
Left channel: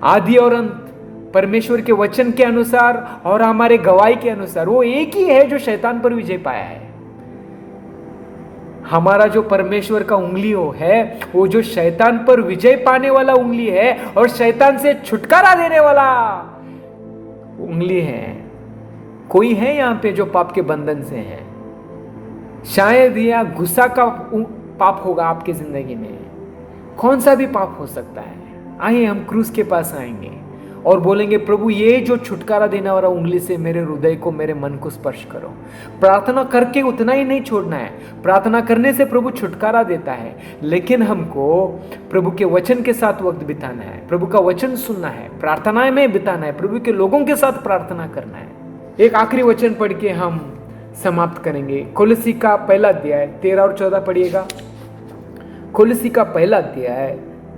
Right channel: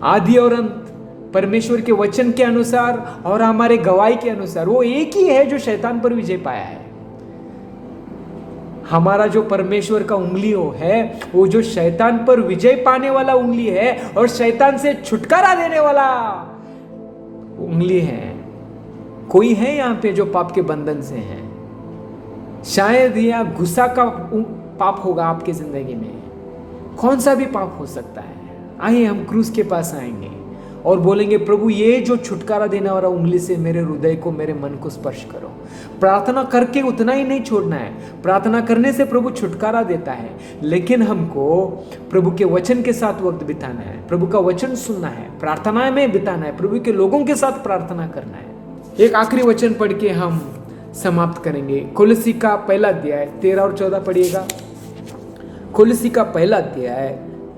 आदि और अंत, परमेश्वर के वचन के अनुसार और हमारे गवाही के अनुसार वो एक ही है जो शैतान पर विजय पाया है। हमारा जो परमेश्वर का उंगली है वो जो शैतान पर विजय पाने वाला उंगली है और शैतान से छुटकारा देने वाला उंगली है। कोई है यहाँ पे जो पाप के बंधन से है? शायद यह गुस्सा का पाप होगा आपकी जिंदगी में। कौन सा भी पाप हो सकता है। आइए हम क्रूस के पास आएंगे और बोलेंगे, प्रभु ये जो छुटकारा देने वाला उंगली से मेरे हृदय को, मेरे मन को स्पर्श करो। प्रार्थना करके उतना ही नहीं छोड़ना है। प्रार्थना करने से प्रभु छुटकारा देता है, लेकिन हमको प्रभु के वचन के साथ वक्त बिताना है, प्रभु का वचन सुनना है, प्रार्थना में बिताना है, प्रभु के लोगों के साथ प्रार्थना करना है। एक आखिरी वचन पढ़ के हम समाप्त करेंगे। कोलोसी का पहला अध्याय 13 और 14 पढ़िएगा। कोलोसी का पहला अध्याय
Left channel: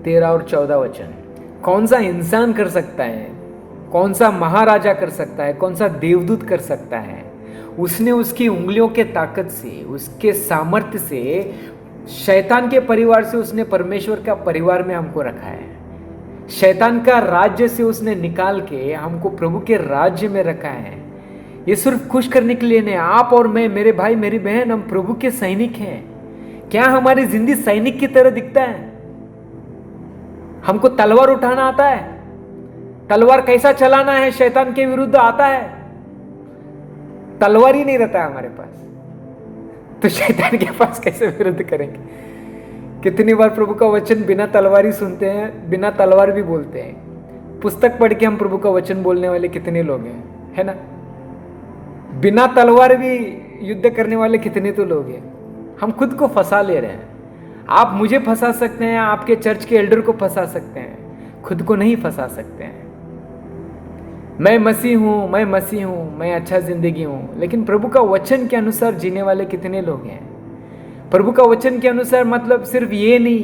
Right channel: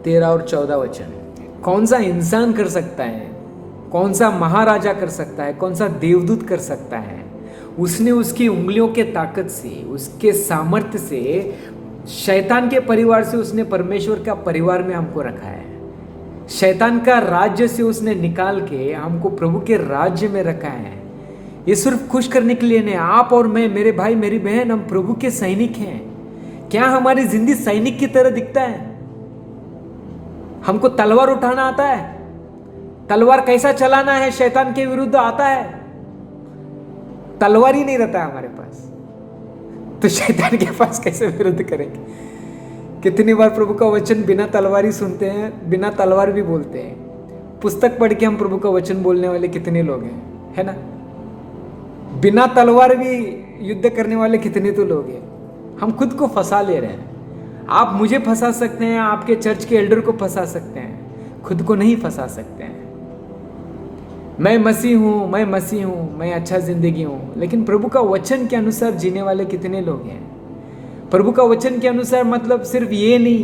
13 और 14 वचन। कौन सा इंसान कर सकता है? कौन सा महाराजा कर सकता है? कौन सा देवदूत कर सकता है? उसने उसकी उंगलियों के ताकत से, उसके सामर्थ्य से, शैतान के परिवार से उसने परमेश्वर का परिवार में हमको रखा है। शैतान का राज्य से उसने निकाल के हमको प्रभु के राज्य में रखा है। ये सिर्फ खुश करने के लिए नहीं। आप और मैं, मेरे भाई मेरी बहन, हम प्रभु के सैनिक हैं। क्या हमारी जिंदगी सैनिक की तरह दिखता है? हमको तलवार उठाना आता है? तलवार कैसा चलाना है शैतान के विरुद्ध आता है? तलवार ही नहीं रहता है हमारे पास, तो शैतान के पास कैसे विरुद्ध करेंगे? कितनी बार प्रभु का वचन बिना तलवार ही सुनते हैं, बिना तलवार भी बोलते हैं। पुस्तक पढ़ के हम प्रभु का वचन बोलने वाले कितने लोग हैं, है ना? बिना तलवार भी युद्ध करने वाले कितने तो लोग हैं। हम खुद को फंसा ले रहे हैं। आप मुझे फंसा सकते हैं, आपके चर्च के एल्डर को फंसा सकते हैं, खुद को नहीं फंसा सकते हैं। मैं मसीह हूं, मैं मसीह हूं, मैं अच्छा जिंदगी हूं, लेकिन प्रभु का वचन के अनुसार जीने वाले कितने लोग हैं? प्रभु का वचन के अनुसार मतलब सिर्फ ये नहीं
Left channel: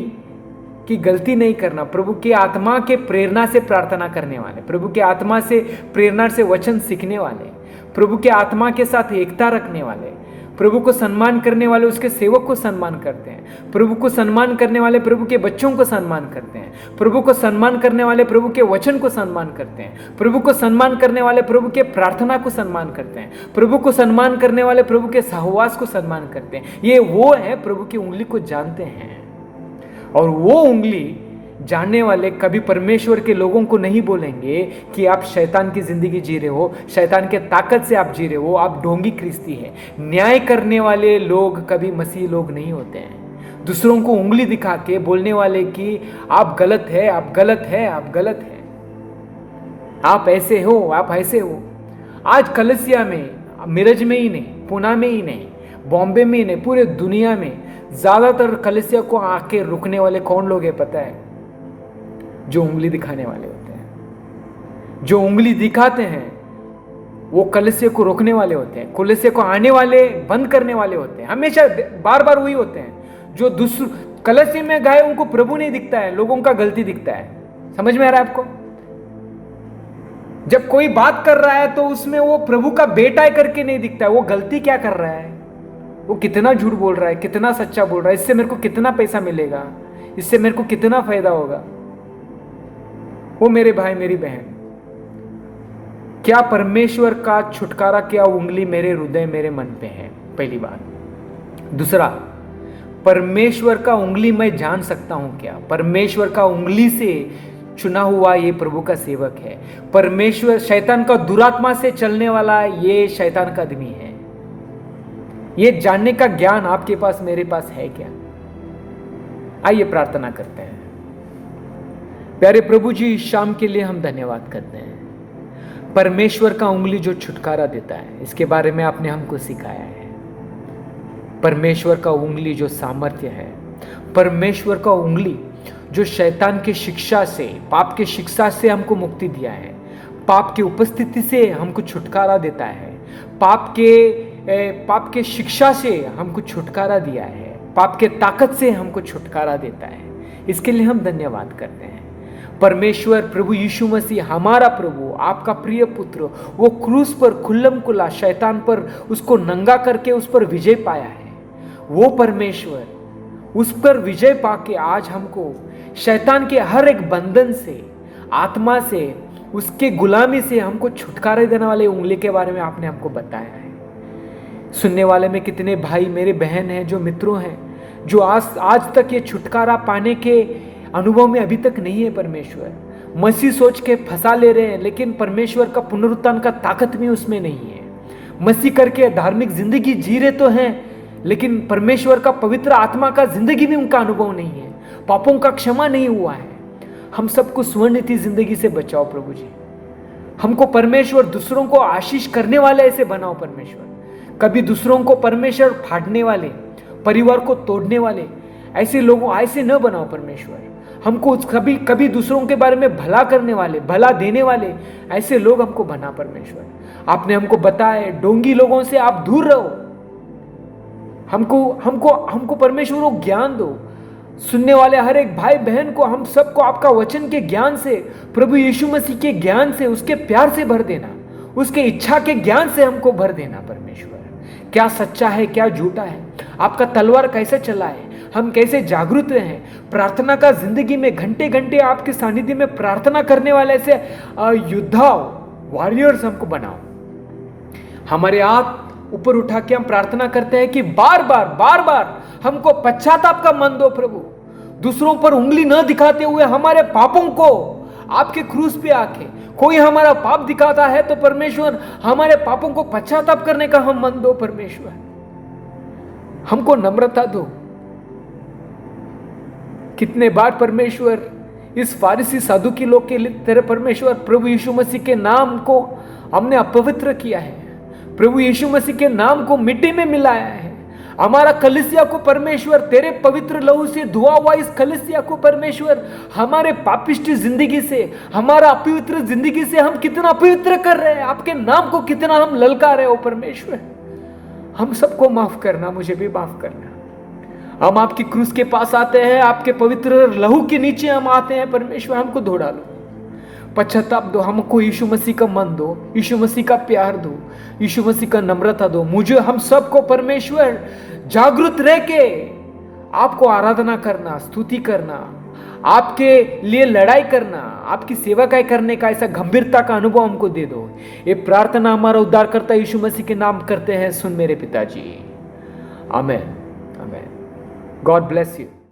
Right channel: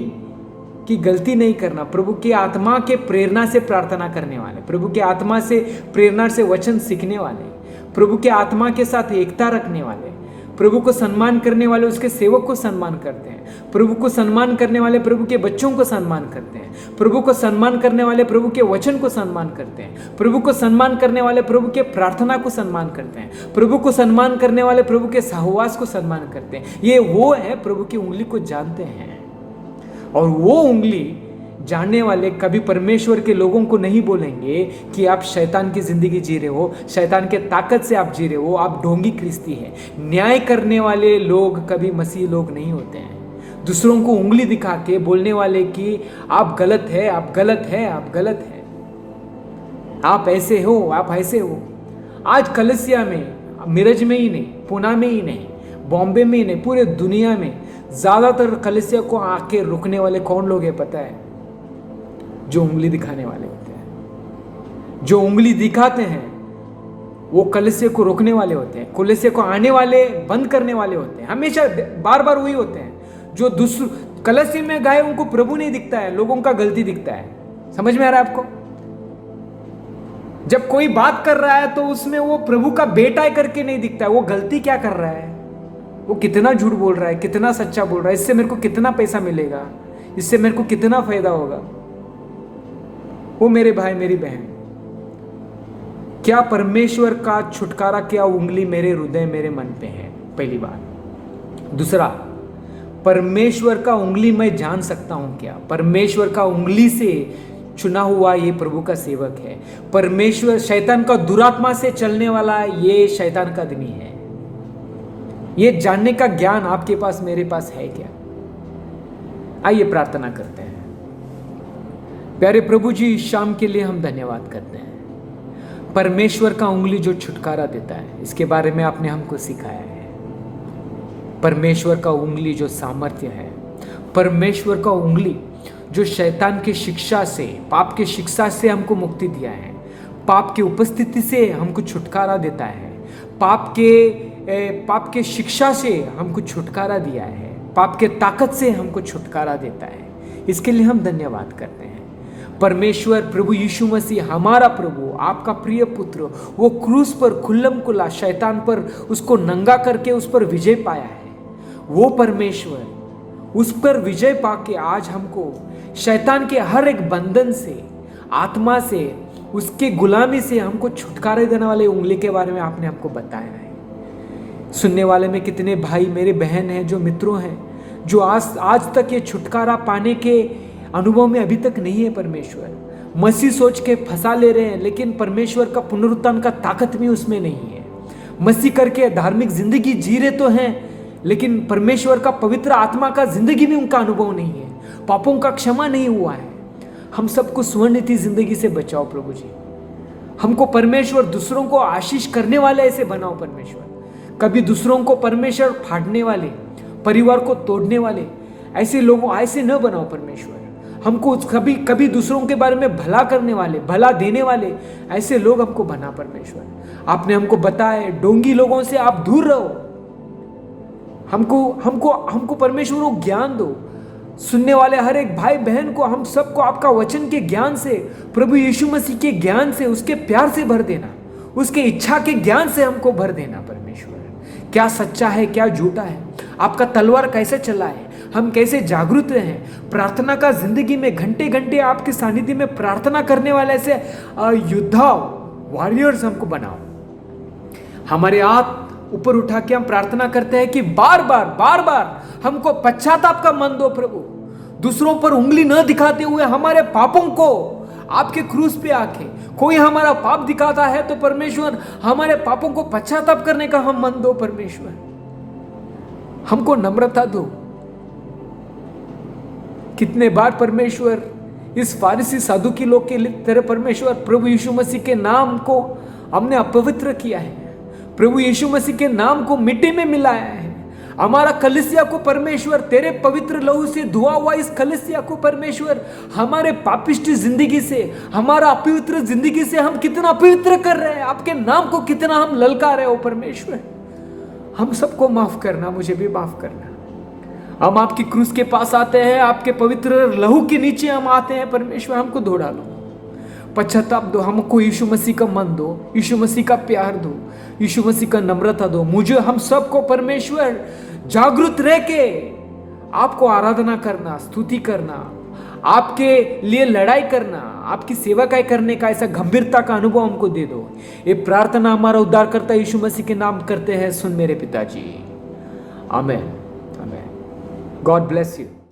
कि गलती नहीं करना, प्रभु की आत्मा के प्रेरणा से प्रार्थना करने वाले, प्रभु की आत्मा से प्रेरणा से वचन सीखने वाले, प्रभु के आत्मा के साथ एकता रखने वाले, प्रभु को सम्मान करने वाले उसके सेवक को सम्मान करते हैं। प्रभु को सम्मान करने वाले प्रभु के बच्चों को सम्मान करते हैं। प्रभु को सम्मान करने वाले प्रभु के वचन को सम्मान करते हैं। प्रभु को सम्मान करने वाले प्रभु के प्रार्थना को सम्मान करते हैं। प्रभु को सम्मान करने वाले प्रभु के सहवास को सम्मान करते हैं। ये वो है प्रभु की उंगली को जानते हैं। और वो उंगली जानने वाले कभी परमेश्वर के लोगों को नहीं बोलेंगे कि आप शैतान की जिंदगी जी रहे हो, शैतान के ताकत से आप जी रहे हो, आप ढोंगी ख्रिस्ती है। न्याय करने वाले लोग कभी मसीह लोग नहीं होते हैं। दूसरों को उंगली दिखा के बोलने वाले कि आप गलत है, आप गलत है, आप गलत है, आप ऐसे हो, आप ऐसे हो। आज कलसिया में, मिरज में ही नहीं, पुणे में ही नहीं, बॉम्बे में ही नहीं, पूरे दुनिया में ज्यादातर कलसिया को आके रुकने वाले कौन लोग हैं पता है? जो उंगली दिखाने वाले होते हैं। जो उंगली दिखाते हैं वो कलसिया को रोकने वाले होते हैं, कलसिया को आने वाले बंद करने वाले होते हैं। हमेशा बार बार वही होते हैं जो दूसरे कलसिया में गए उनको प्रभु नहीं दिखता है, लोगों का गलती दिखता है। समझ में आ रहा है आपको? जब कोई बात कर रहा है तो उसमें वो प्रभु का बेटा है करके नहीं दिखता है, वो गलती क्या कर रहा है, वो कितना झूठ बोल रहा है, कितना सच्चा बोल रहा है, इससे मेरे को कितना पैसा मिलेगा, इससे मेरे को कितना फायदा होगा। वो मेरे भाई मेरी बहन, क्या परमेश्वर का छुटकारा, क्या उंगली मेरे हृदय मेरे मन पे है? पहली बात। दूसरा, परमेश्वर का उंगली मैं जान सकता हूं क्या? परमेश्वर का उंगली से चुना हुआ ये प्रभु का सेवक है। परमेश्वर शैतान का दुरात्मा से चलने वाला ये शैतान का आदमी है। ये जानने का ज्ञान आपके पास मेरे पास है क्या? आइए प्रार्थना करते हैं। प्यारे प्रभु जी, इस शाम के लिए हम धन्यवाद करते हैं। परमेश्वर का उंगली जो छुटकारा देता है, इसके बारे में आपने हमको सिखाया है। परमेश्वर का उंगली जो सामर्थ्य है, परमेश्वर का उंगली जो शैतान की शिक्षा से, पाप की शिक्षा से हमको मुक्ति दिया है, पाप की उपस्थिति से हमको छुटकारा देता है, पाप के शिक्षा से हमको छुटकारा दिया है, पाप के ताकत से हमको छुटकारा देता है। इसके लिए हम धन्यवाद करते हैं। परमेश्वर प्रभु यीशु मसीह, हमारा प्रभु, आपका प्रिय पुत्र, वो क्रूस पर खुल्लम खुला शैतान पर उसको नंगा करके उस पर विजय पाया है। वो परमेश्वर उस पर विजय पाके आज हमको शैतान के हर एक बंधन से, आत्मा से, उसके गुलामी से हमको छुटकारा देने वाले उंगली के बारे में आपने हमको बताया है। सुनने वाले में कितने भाई मेरे बहन हैं, जो मित्रों हैं, जो आज तक ये छुटकारा पाने के अनुभव में अभी तक नहीं है। परमेश्वर मसीह सोच के फंसा ले रहे हैं, लेकिन परमेश्वर का पुनरुत्थान का ताकत भी उसमें नहीं है। मसीह करके धार्मिक जिंदगी जी रहे तो हैं, लेकिन परमेश्वर का पवित्र आत्मा का जिंदगी में उनका अनुभव नहीं है। पापों का क्षमा नहीं हुआ है। हम सबको स्वर्णिति जिंदगी से बचाओ प्रभु जी। हमको परमेश्वर दूसरों को आशीष करने वाले ऐसे बनाओ परमेश्वर। कभी दूसरों को परमेश्वर फाड़ने वाले, परिवार को तोड़ने वाले ऐसे लोगों ऐसे न बनाओ परमेश्वर। हमको कभी कभी दूसरों के बारे में भला करने वाले, भला देने वाले ऐसे लोग हमको बना परमेश्वर। आपने हमको बताया ढोंगी लोगों से आप दूर रहो। हमको हमको हमको परमेश्वर को ज्ञान दो। सुनने वाले हर एक भाई बहन को, हम सबको आपका वचन के ज्ञान से, प्रभु यीशु मसीह के ज्ञान से, उसके प्यार से भर देना, उसके इच्छा के ज्ञान से हमको भर देना परमेश्वर। क्या सच्चा है, क्या झूठा है, आपका तलवार कैसे चला है, हम कैसे जागरूक रहे। प्रार्थना का जिंदगी में घंटे घंटे आपके सानिध्य में प्रार्थना करने वाले ऐसे योद्धा, वॉरियर्स हमको बनाओ। हमारे हाथ ऊपर उठा के हम प्रार्थना करते हैं कि बार बार हमको पश्चाताप का मन दो प्रभु। दूसरों पर उंगली न दिखाते हुए हमारे पापों को आपके क्रूस पे आके, कोई हमारा पाप दिखाता है तो परमेश्वर हमारे पापों को पश्चाताप करने का हम मन दो परमेश्वर। हमको नम्रता दो। कितने बार परमेश्वर इस फारिसी साधु की लोग के तरह परमेश्वर प्रभु यीशु मसीह के नाम को हमने अपवित्र किया है, प्रभु यीशु मसीह के नाम को मिट्टी में मिलाया है। हमारा कलीसिया को परमेश्वर तेरे पवित्र लहू से धुआ हुआ इस कलीसिया को परमेश्वर हमारे पापिष्टी जिंदगी से, हमारा अपवित्र जिंदगी से हम कितना अपवित्र कर रहे हैं, आपके नाम को कितना हम ललका रहे हो परमेश्वर। हम सबको माफ करना, मुझे भी माफ करना। हम आपकी क्रूस के पास आते हैं, आपके पवित्र लहू के नीचे हम आते हैं परमेश्वर। हमको धो डालो, पश्चाताप दो, हमको यीशु मसीह का मन दो, यीशु मसीह का प्यार दो, यीशु मसीह का नम्रता दो। मुझे, हम सबको परमेश्वर जागरूक रह के आपको आराधना करना, स्तुति करना, आपके लिए लड़ाई करना, आपकी सेवा करने का ऐसा गंभीरता का अनुभव हमको दे दो। ये प्रार्थना हमारा उद्धारकर्ता यीशु मसीह के नाम करते हैं, सुन मेरे पिताजी, amen, amen. God bless you.